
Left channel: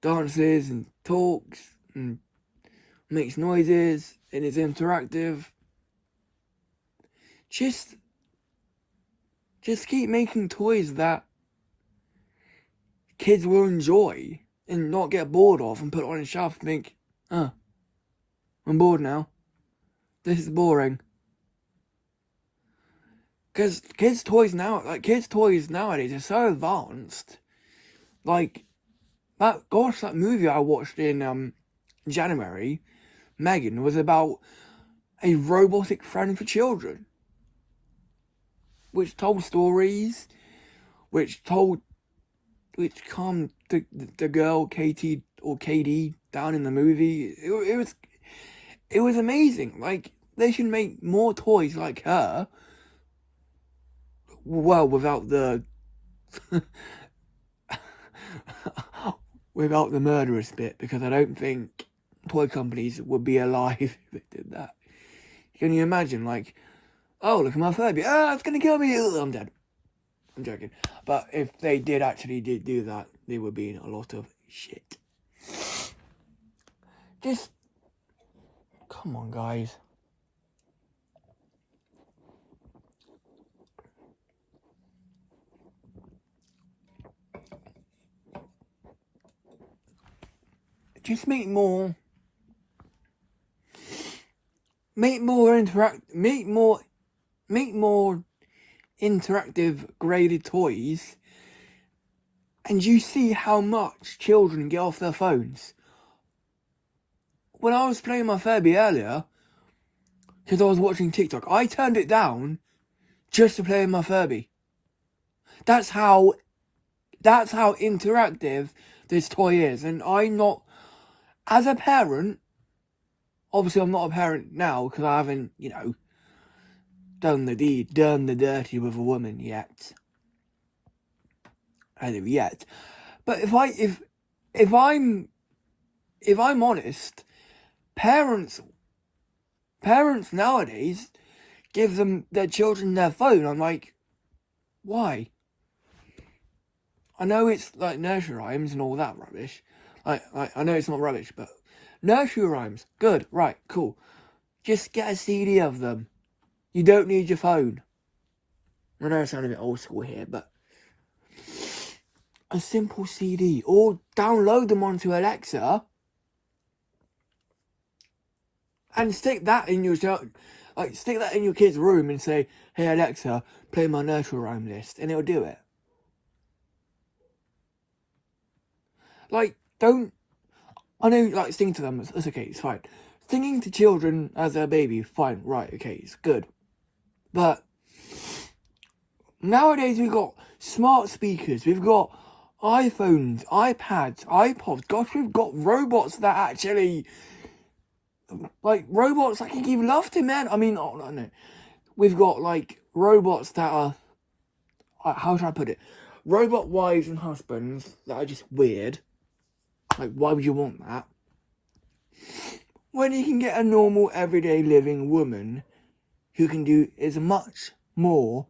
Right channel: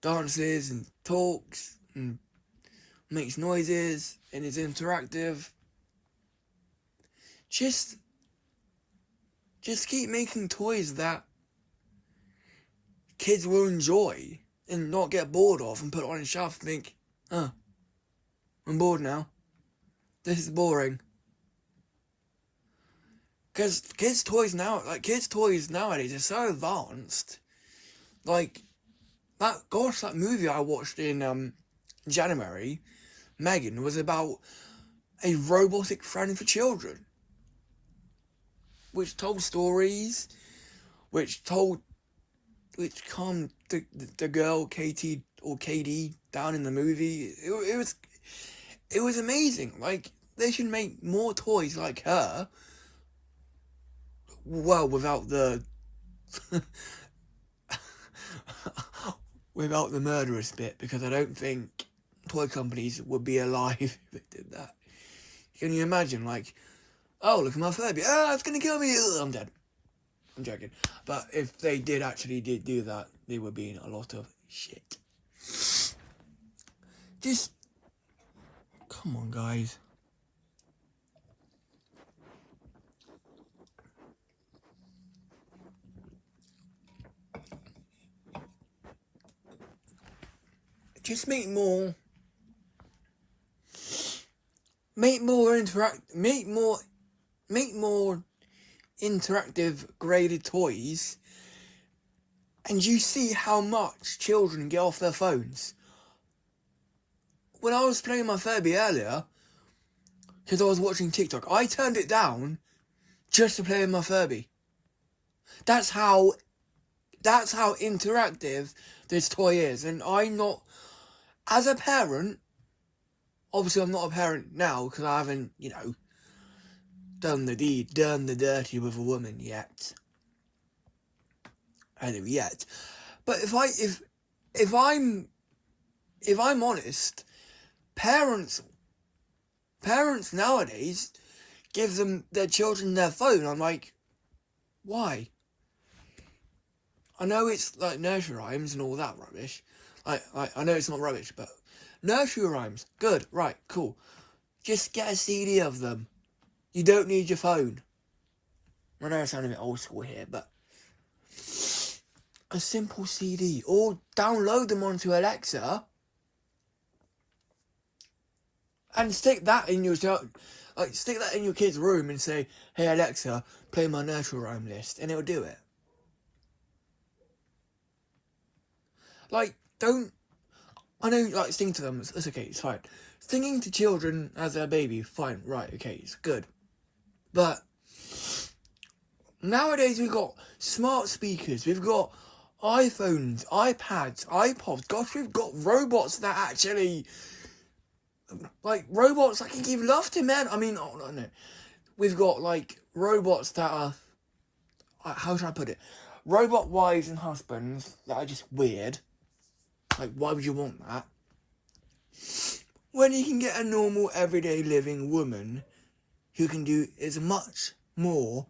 dances and talks and makes noises and is interactive, just keep making toys that kids will enjoy and not get bored of and put on a shelf and think, oh, I'm bored now. This is boring. Because kids' toys nowadays are so advanced. Like, that movie I watched in January, Megan, was about a robotic friend for children. Which told stories, which calmed the girl Katie or KD down in the movie. It was amazing. Like, they should make more toys like her. Well, without the without the murderous bit, because I don't think toy companies would be alive if it did that. Can you imagine, like, oh, look at my Furby, it's gonna kill me, I'm dead. I'm joking. But if they did actually do that, there would be a lot of shit. Just, come on, guys. Just make more interactive graded toys, and you see how much children get off their phones. When I was playing my Furby earlier, because I was watching TikTok, I turned it down just to play with my Furby. That's how interactive this toy is. And I'm not, as a parent, obviously I'm not a parent now because I haven't, done the dirty with a woman yet. I don't know yet. But if I'm honest, parents nowadays give their children their phone. I'm like, why? I know it's like nursery rhymes and all that rubbish. I know it's not rubbish, but nursery rhymes, good, right, cool. Just get a CD of them. You don't need your phone. I know I sound a bit old school here, but a simple CD, or download them onto Alexa and stick that in your kid's room and say, hey Alexa, play my nursery rhyme list, and it'll do it. Like, I know, like, sing to them, it's okay, it's fine. Singing to children as a baby, fine, right, okay, it's good. But nowadays we've got smart speakers, we've got iPhones, iPads, iPods. Gosh, we've got robots that actually, like, robots that can give love to men. I mean, oh, no. We've got, like, robots that are, how should I put it? Robot wives and husbands that are just weird. Like, why would you want that? When you can get a normal, everyday living woman who can do as much more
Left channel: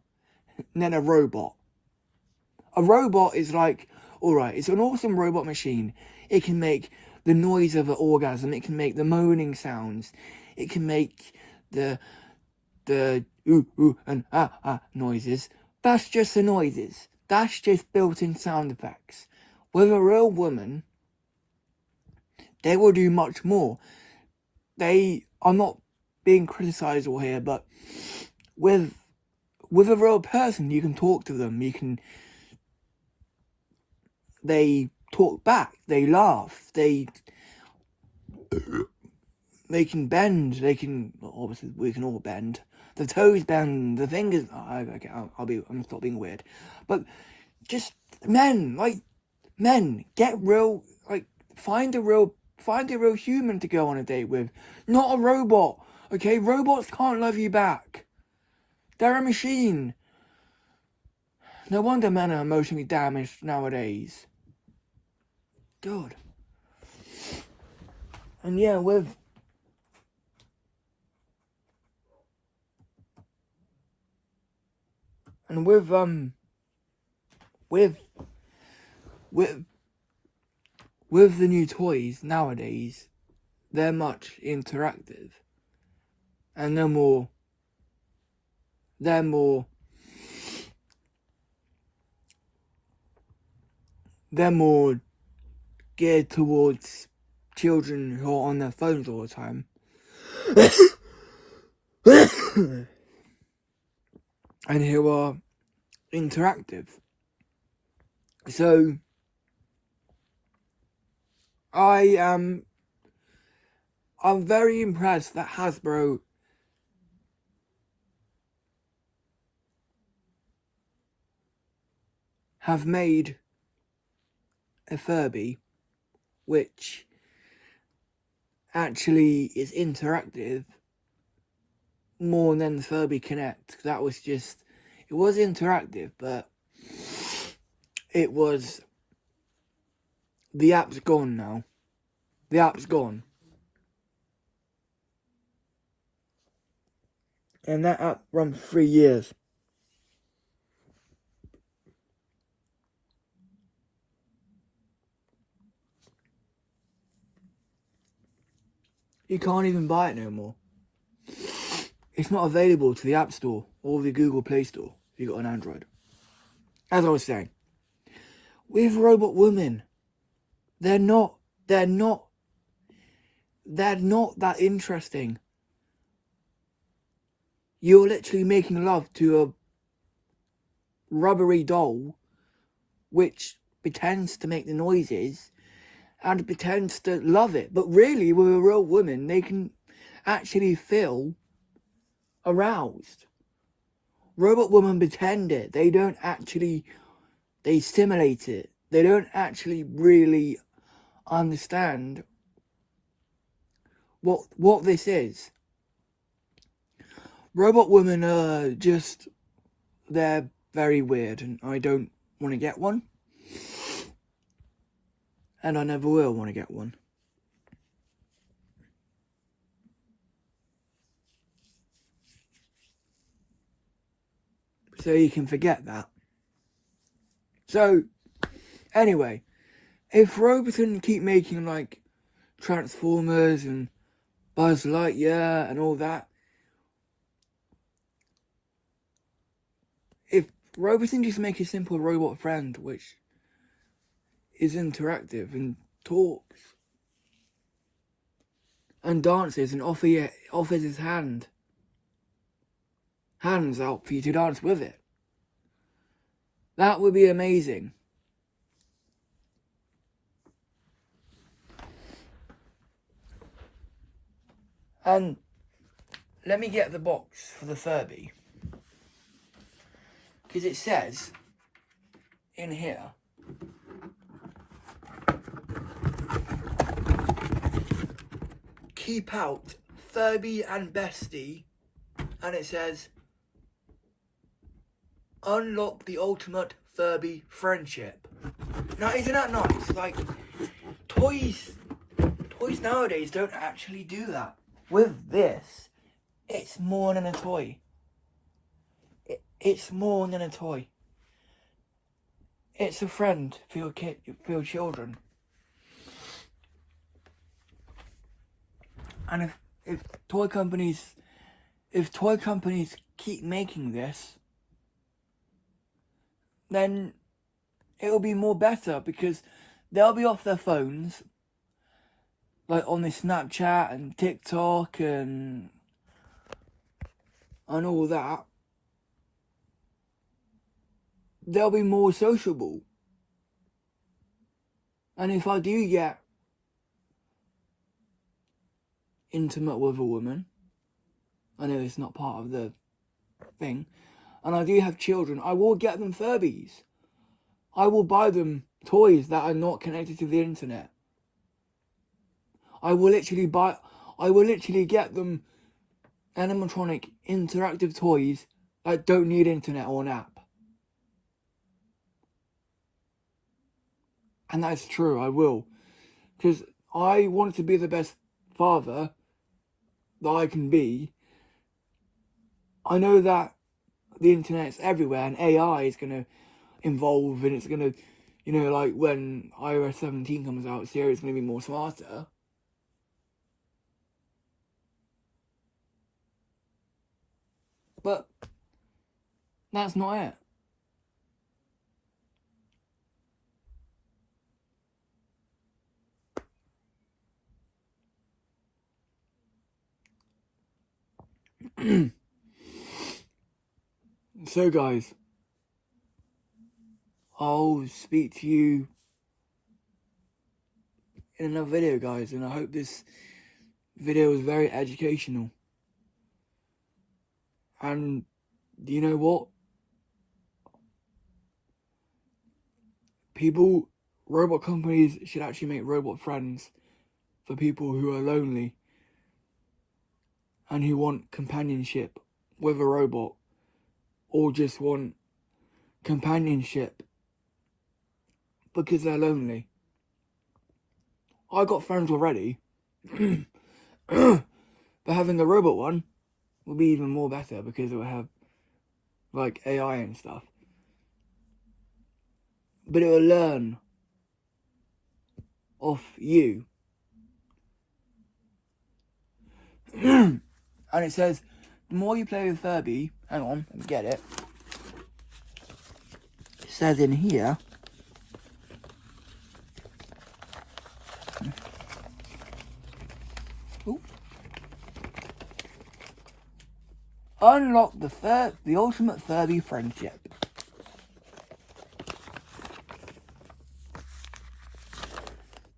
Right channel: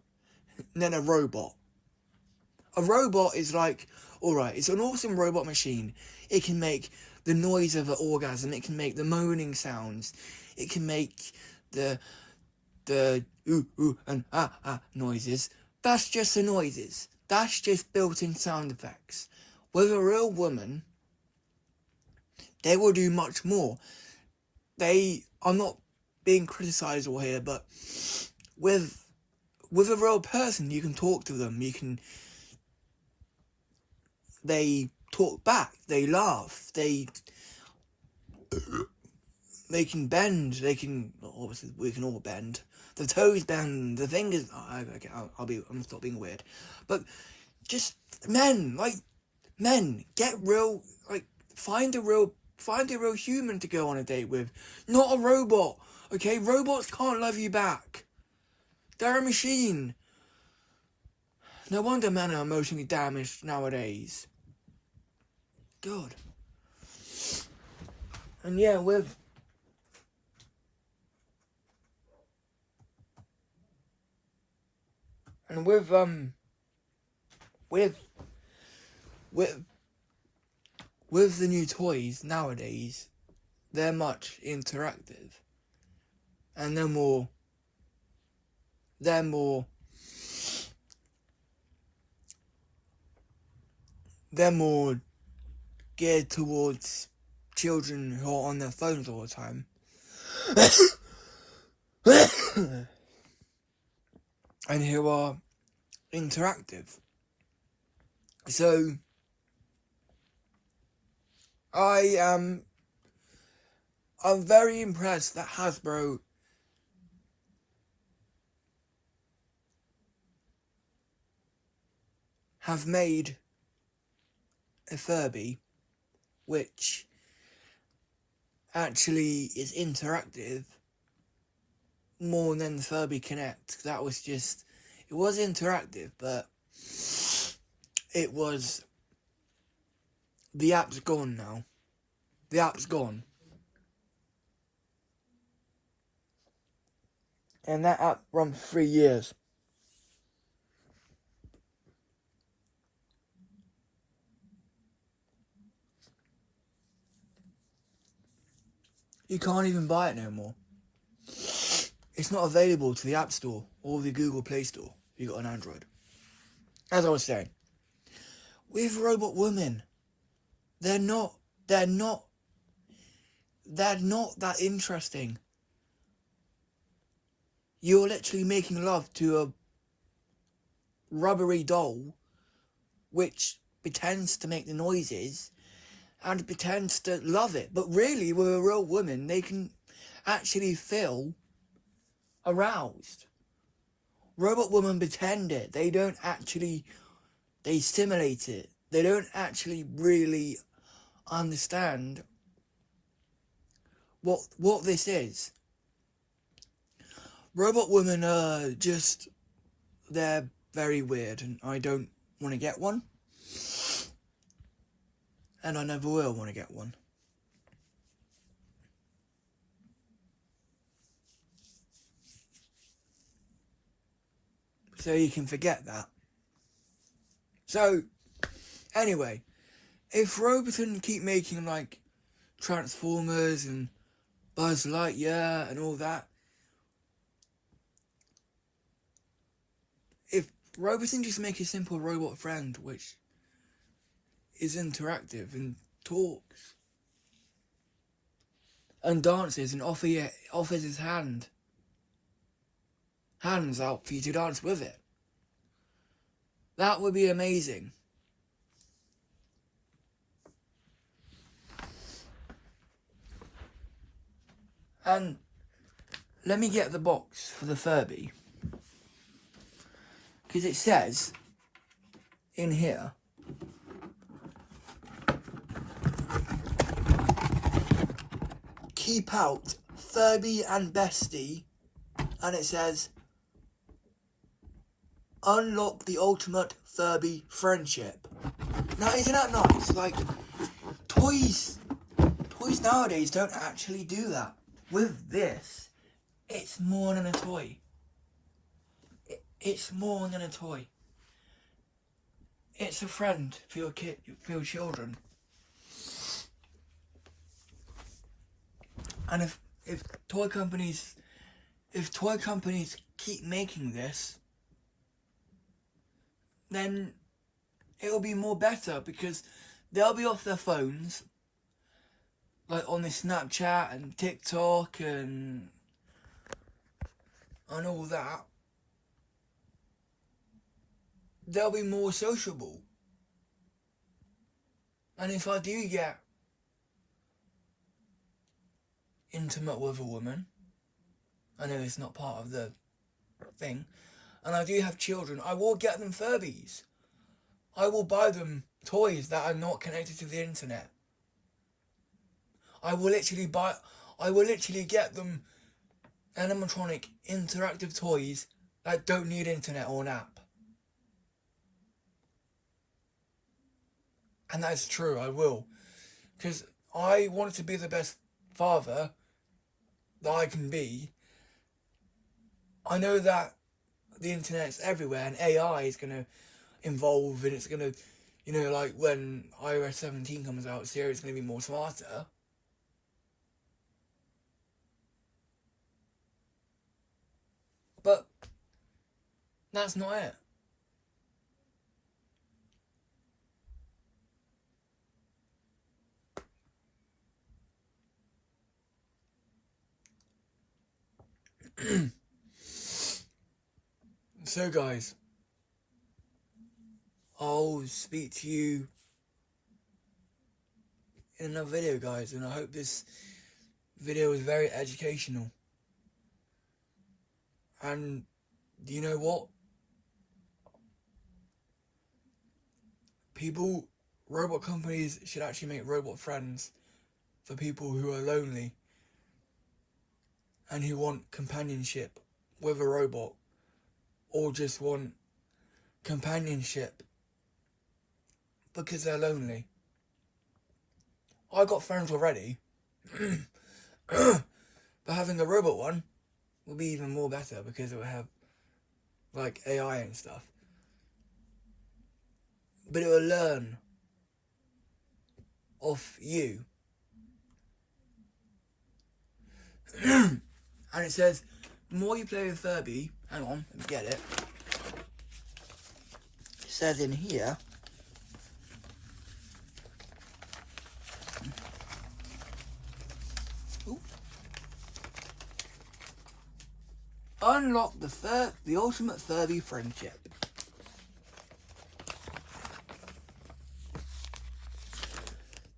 than a robot. A robot is like, alright, it's an awesome robot machine. It can make the noise of an orgasm. It can make the moaning sounds. It can make the ooh, ooh, and noises. That's just the noises. That's just built-in sound effects. With a real woman, they will do much more. I'm not being criticised or here, but with a real person, you can talk to them. They talk back. They laugh. They can bend. Obviously, we can all bend. The toes bend. The fingers. Okay, I'm gonna stop being weird. But just men, get real. Like, find a real human to go on a date with, not a robot. Okay, robots can't love you back. They're a machine. No wonder men are emotionally damaged nowadays. God. And yeah, with the new toys nowadays, they're much interactive, and they're more geared towards children who are on their phones all the time. And who are interactive. So I'm very impressed that Hasbro have made a Furby which actually is interactive more than the Furby Connect. It was interactive, but the app's gone now. The app's gone. And that app run for 3 years. You can't even buy it no more. It's not available to the App Store or the Google Play Store if you've got an Android. As I was saying, with robot women, they're not that interesting. You're literally making love to a rubbery doll which pretends to make the noises and pretends to love it. But really, with a real woman, they can actually feel aroused. Robot women pretend it. They don't actually, they simulate it. They don't actually really understand what this is. Robot women are just, they're very weird, and I don't want to get one. And I never will want to get one. So you can forget that. So, anyway, if Roboton keep making, like, Transformers and Buzz Lightyear and all that, if Roboton just make a simple robot friend which is interactive and talks and dances and offers his hands out for you to dance with it, that would be amazing. And let me get the box for the Furby, because it says in here keep out Furby and Bestie, and it says, unlock the ultimate Furby friendship. Now, isn't that nice? Like, toys nowadays don't actually do that. With this, it's more than a toy. It's more than a toy. It's a friend for your kid, for your children. And if toy companies keep making this, then it'll be more better, because they'll be off their phones, like on the Snapchat and TikTok and all that. They'll be more sociable. And if I do get intimate with a woman, I know it's not part of the thing, and I do have children, I will get them Furbies. I will buy them toys that are not connected to the internet. I will literally get them animatronic interactive toys that don't need internet or an app. And that's true, I will. Because I want to be the best father that I can be. I know that the internet's everywhere and AI is going to evolve, and it's going to, you know, like when iOS 17 comes out, Siri's going to be more smarter. But that's not it. So guys, I'll speak to you in another video, guys, and I hope this video is very educational. And you know what? Robot companies should actually make robot friends for people who are lonely and who want companionship with a robot, or just want companionship because they're lonely. I got friends already, but having a robot one will be even more better, because it will have like AI and stuff. But it will learn off you. And it says, the more you play with Furby, hang on, let me get it. It says in here, unlock the ultimate Furby friendship.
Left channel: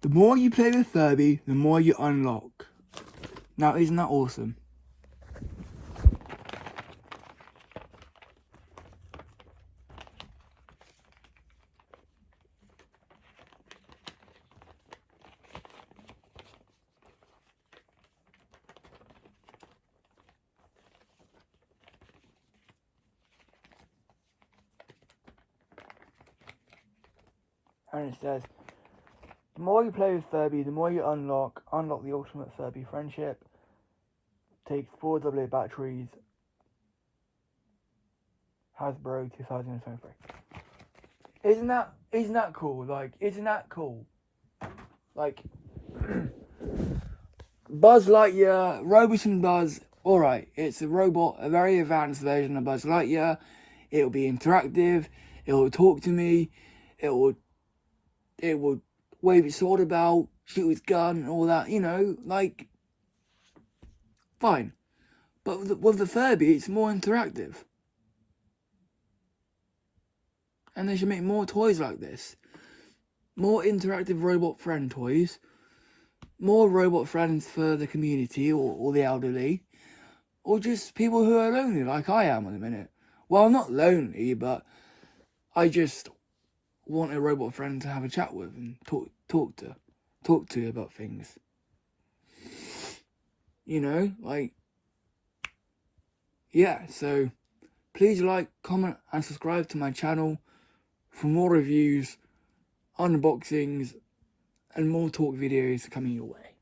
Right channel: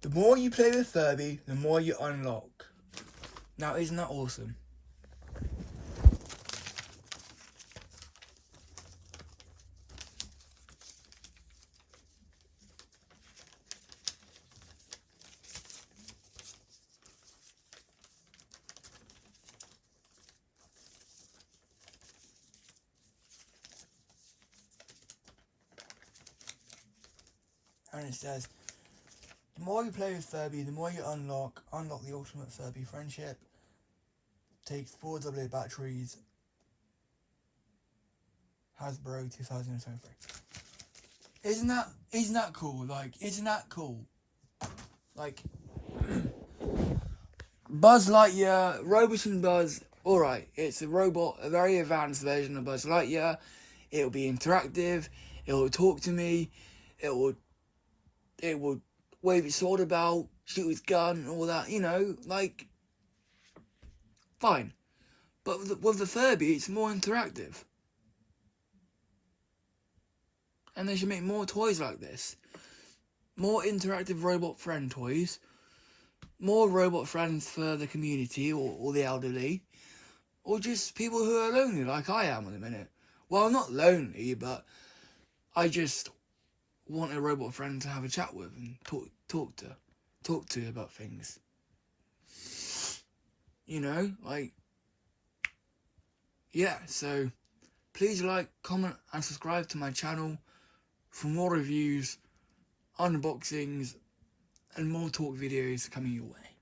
The more you play with Furby, the more you unlock. Now, isn't that awesome? And it says, the more you play with Furby, the more you unlock the ultimate Furby friendship. Takes 4 AA batteries. Hasbro 2023. Isn't that cool? Like, isn't that cool? Like, Buzz Lightyear, Roboton Buzz, alright, it's a robot, a very advanced version of Buzz Lightyear. It'll be interactive, it will talk to me, it will wave its sword about, shoot its gun, all that, you know, like, fine. But with the Furby, it's more interactive. And they should make more toys like this. More interactive robot friend toys. More robot friends for the community or the elderly. Or just people who are lonely like I am at the minute. Well, I'm not lonely, but I just want a robot friend to have a chat with and talk to about things. you know, like, yeah, so please like, comment and subscribe to my channel for more reviews, unboxings and more talk videos coming your way.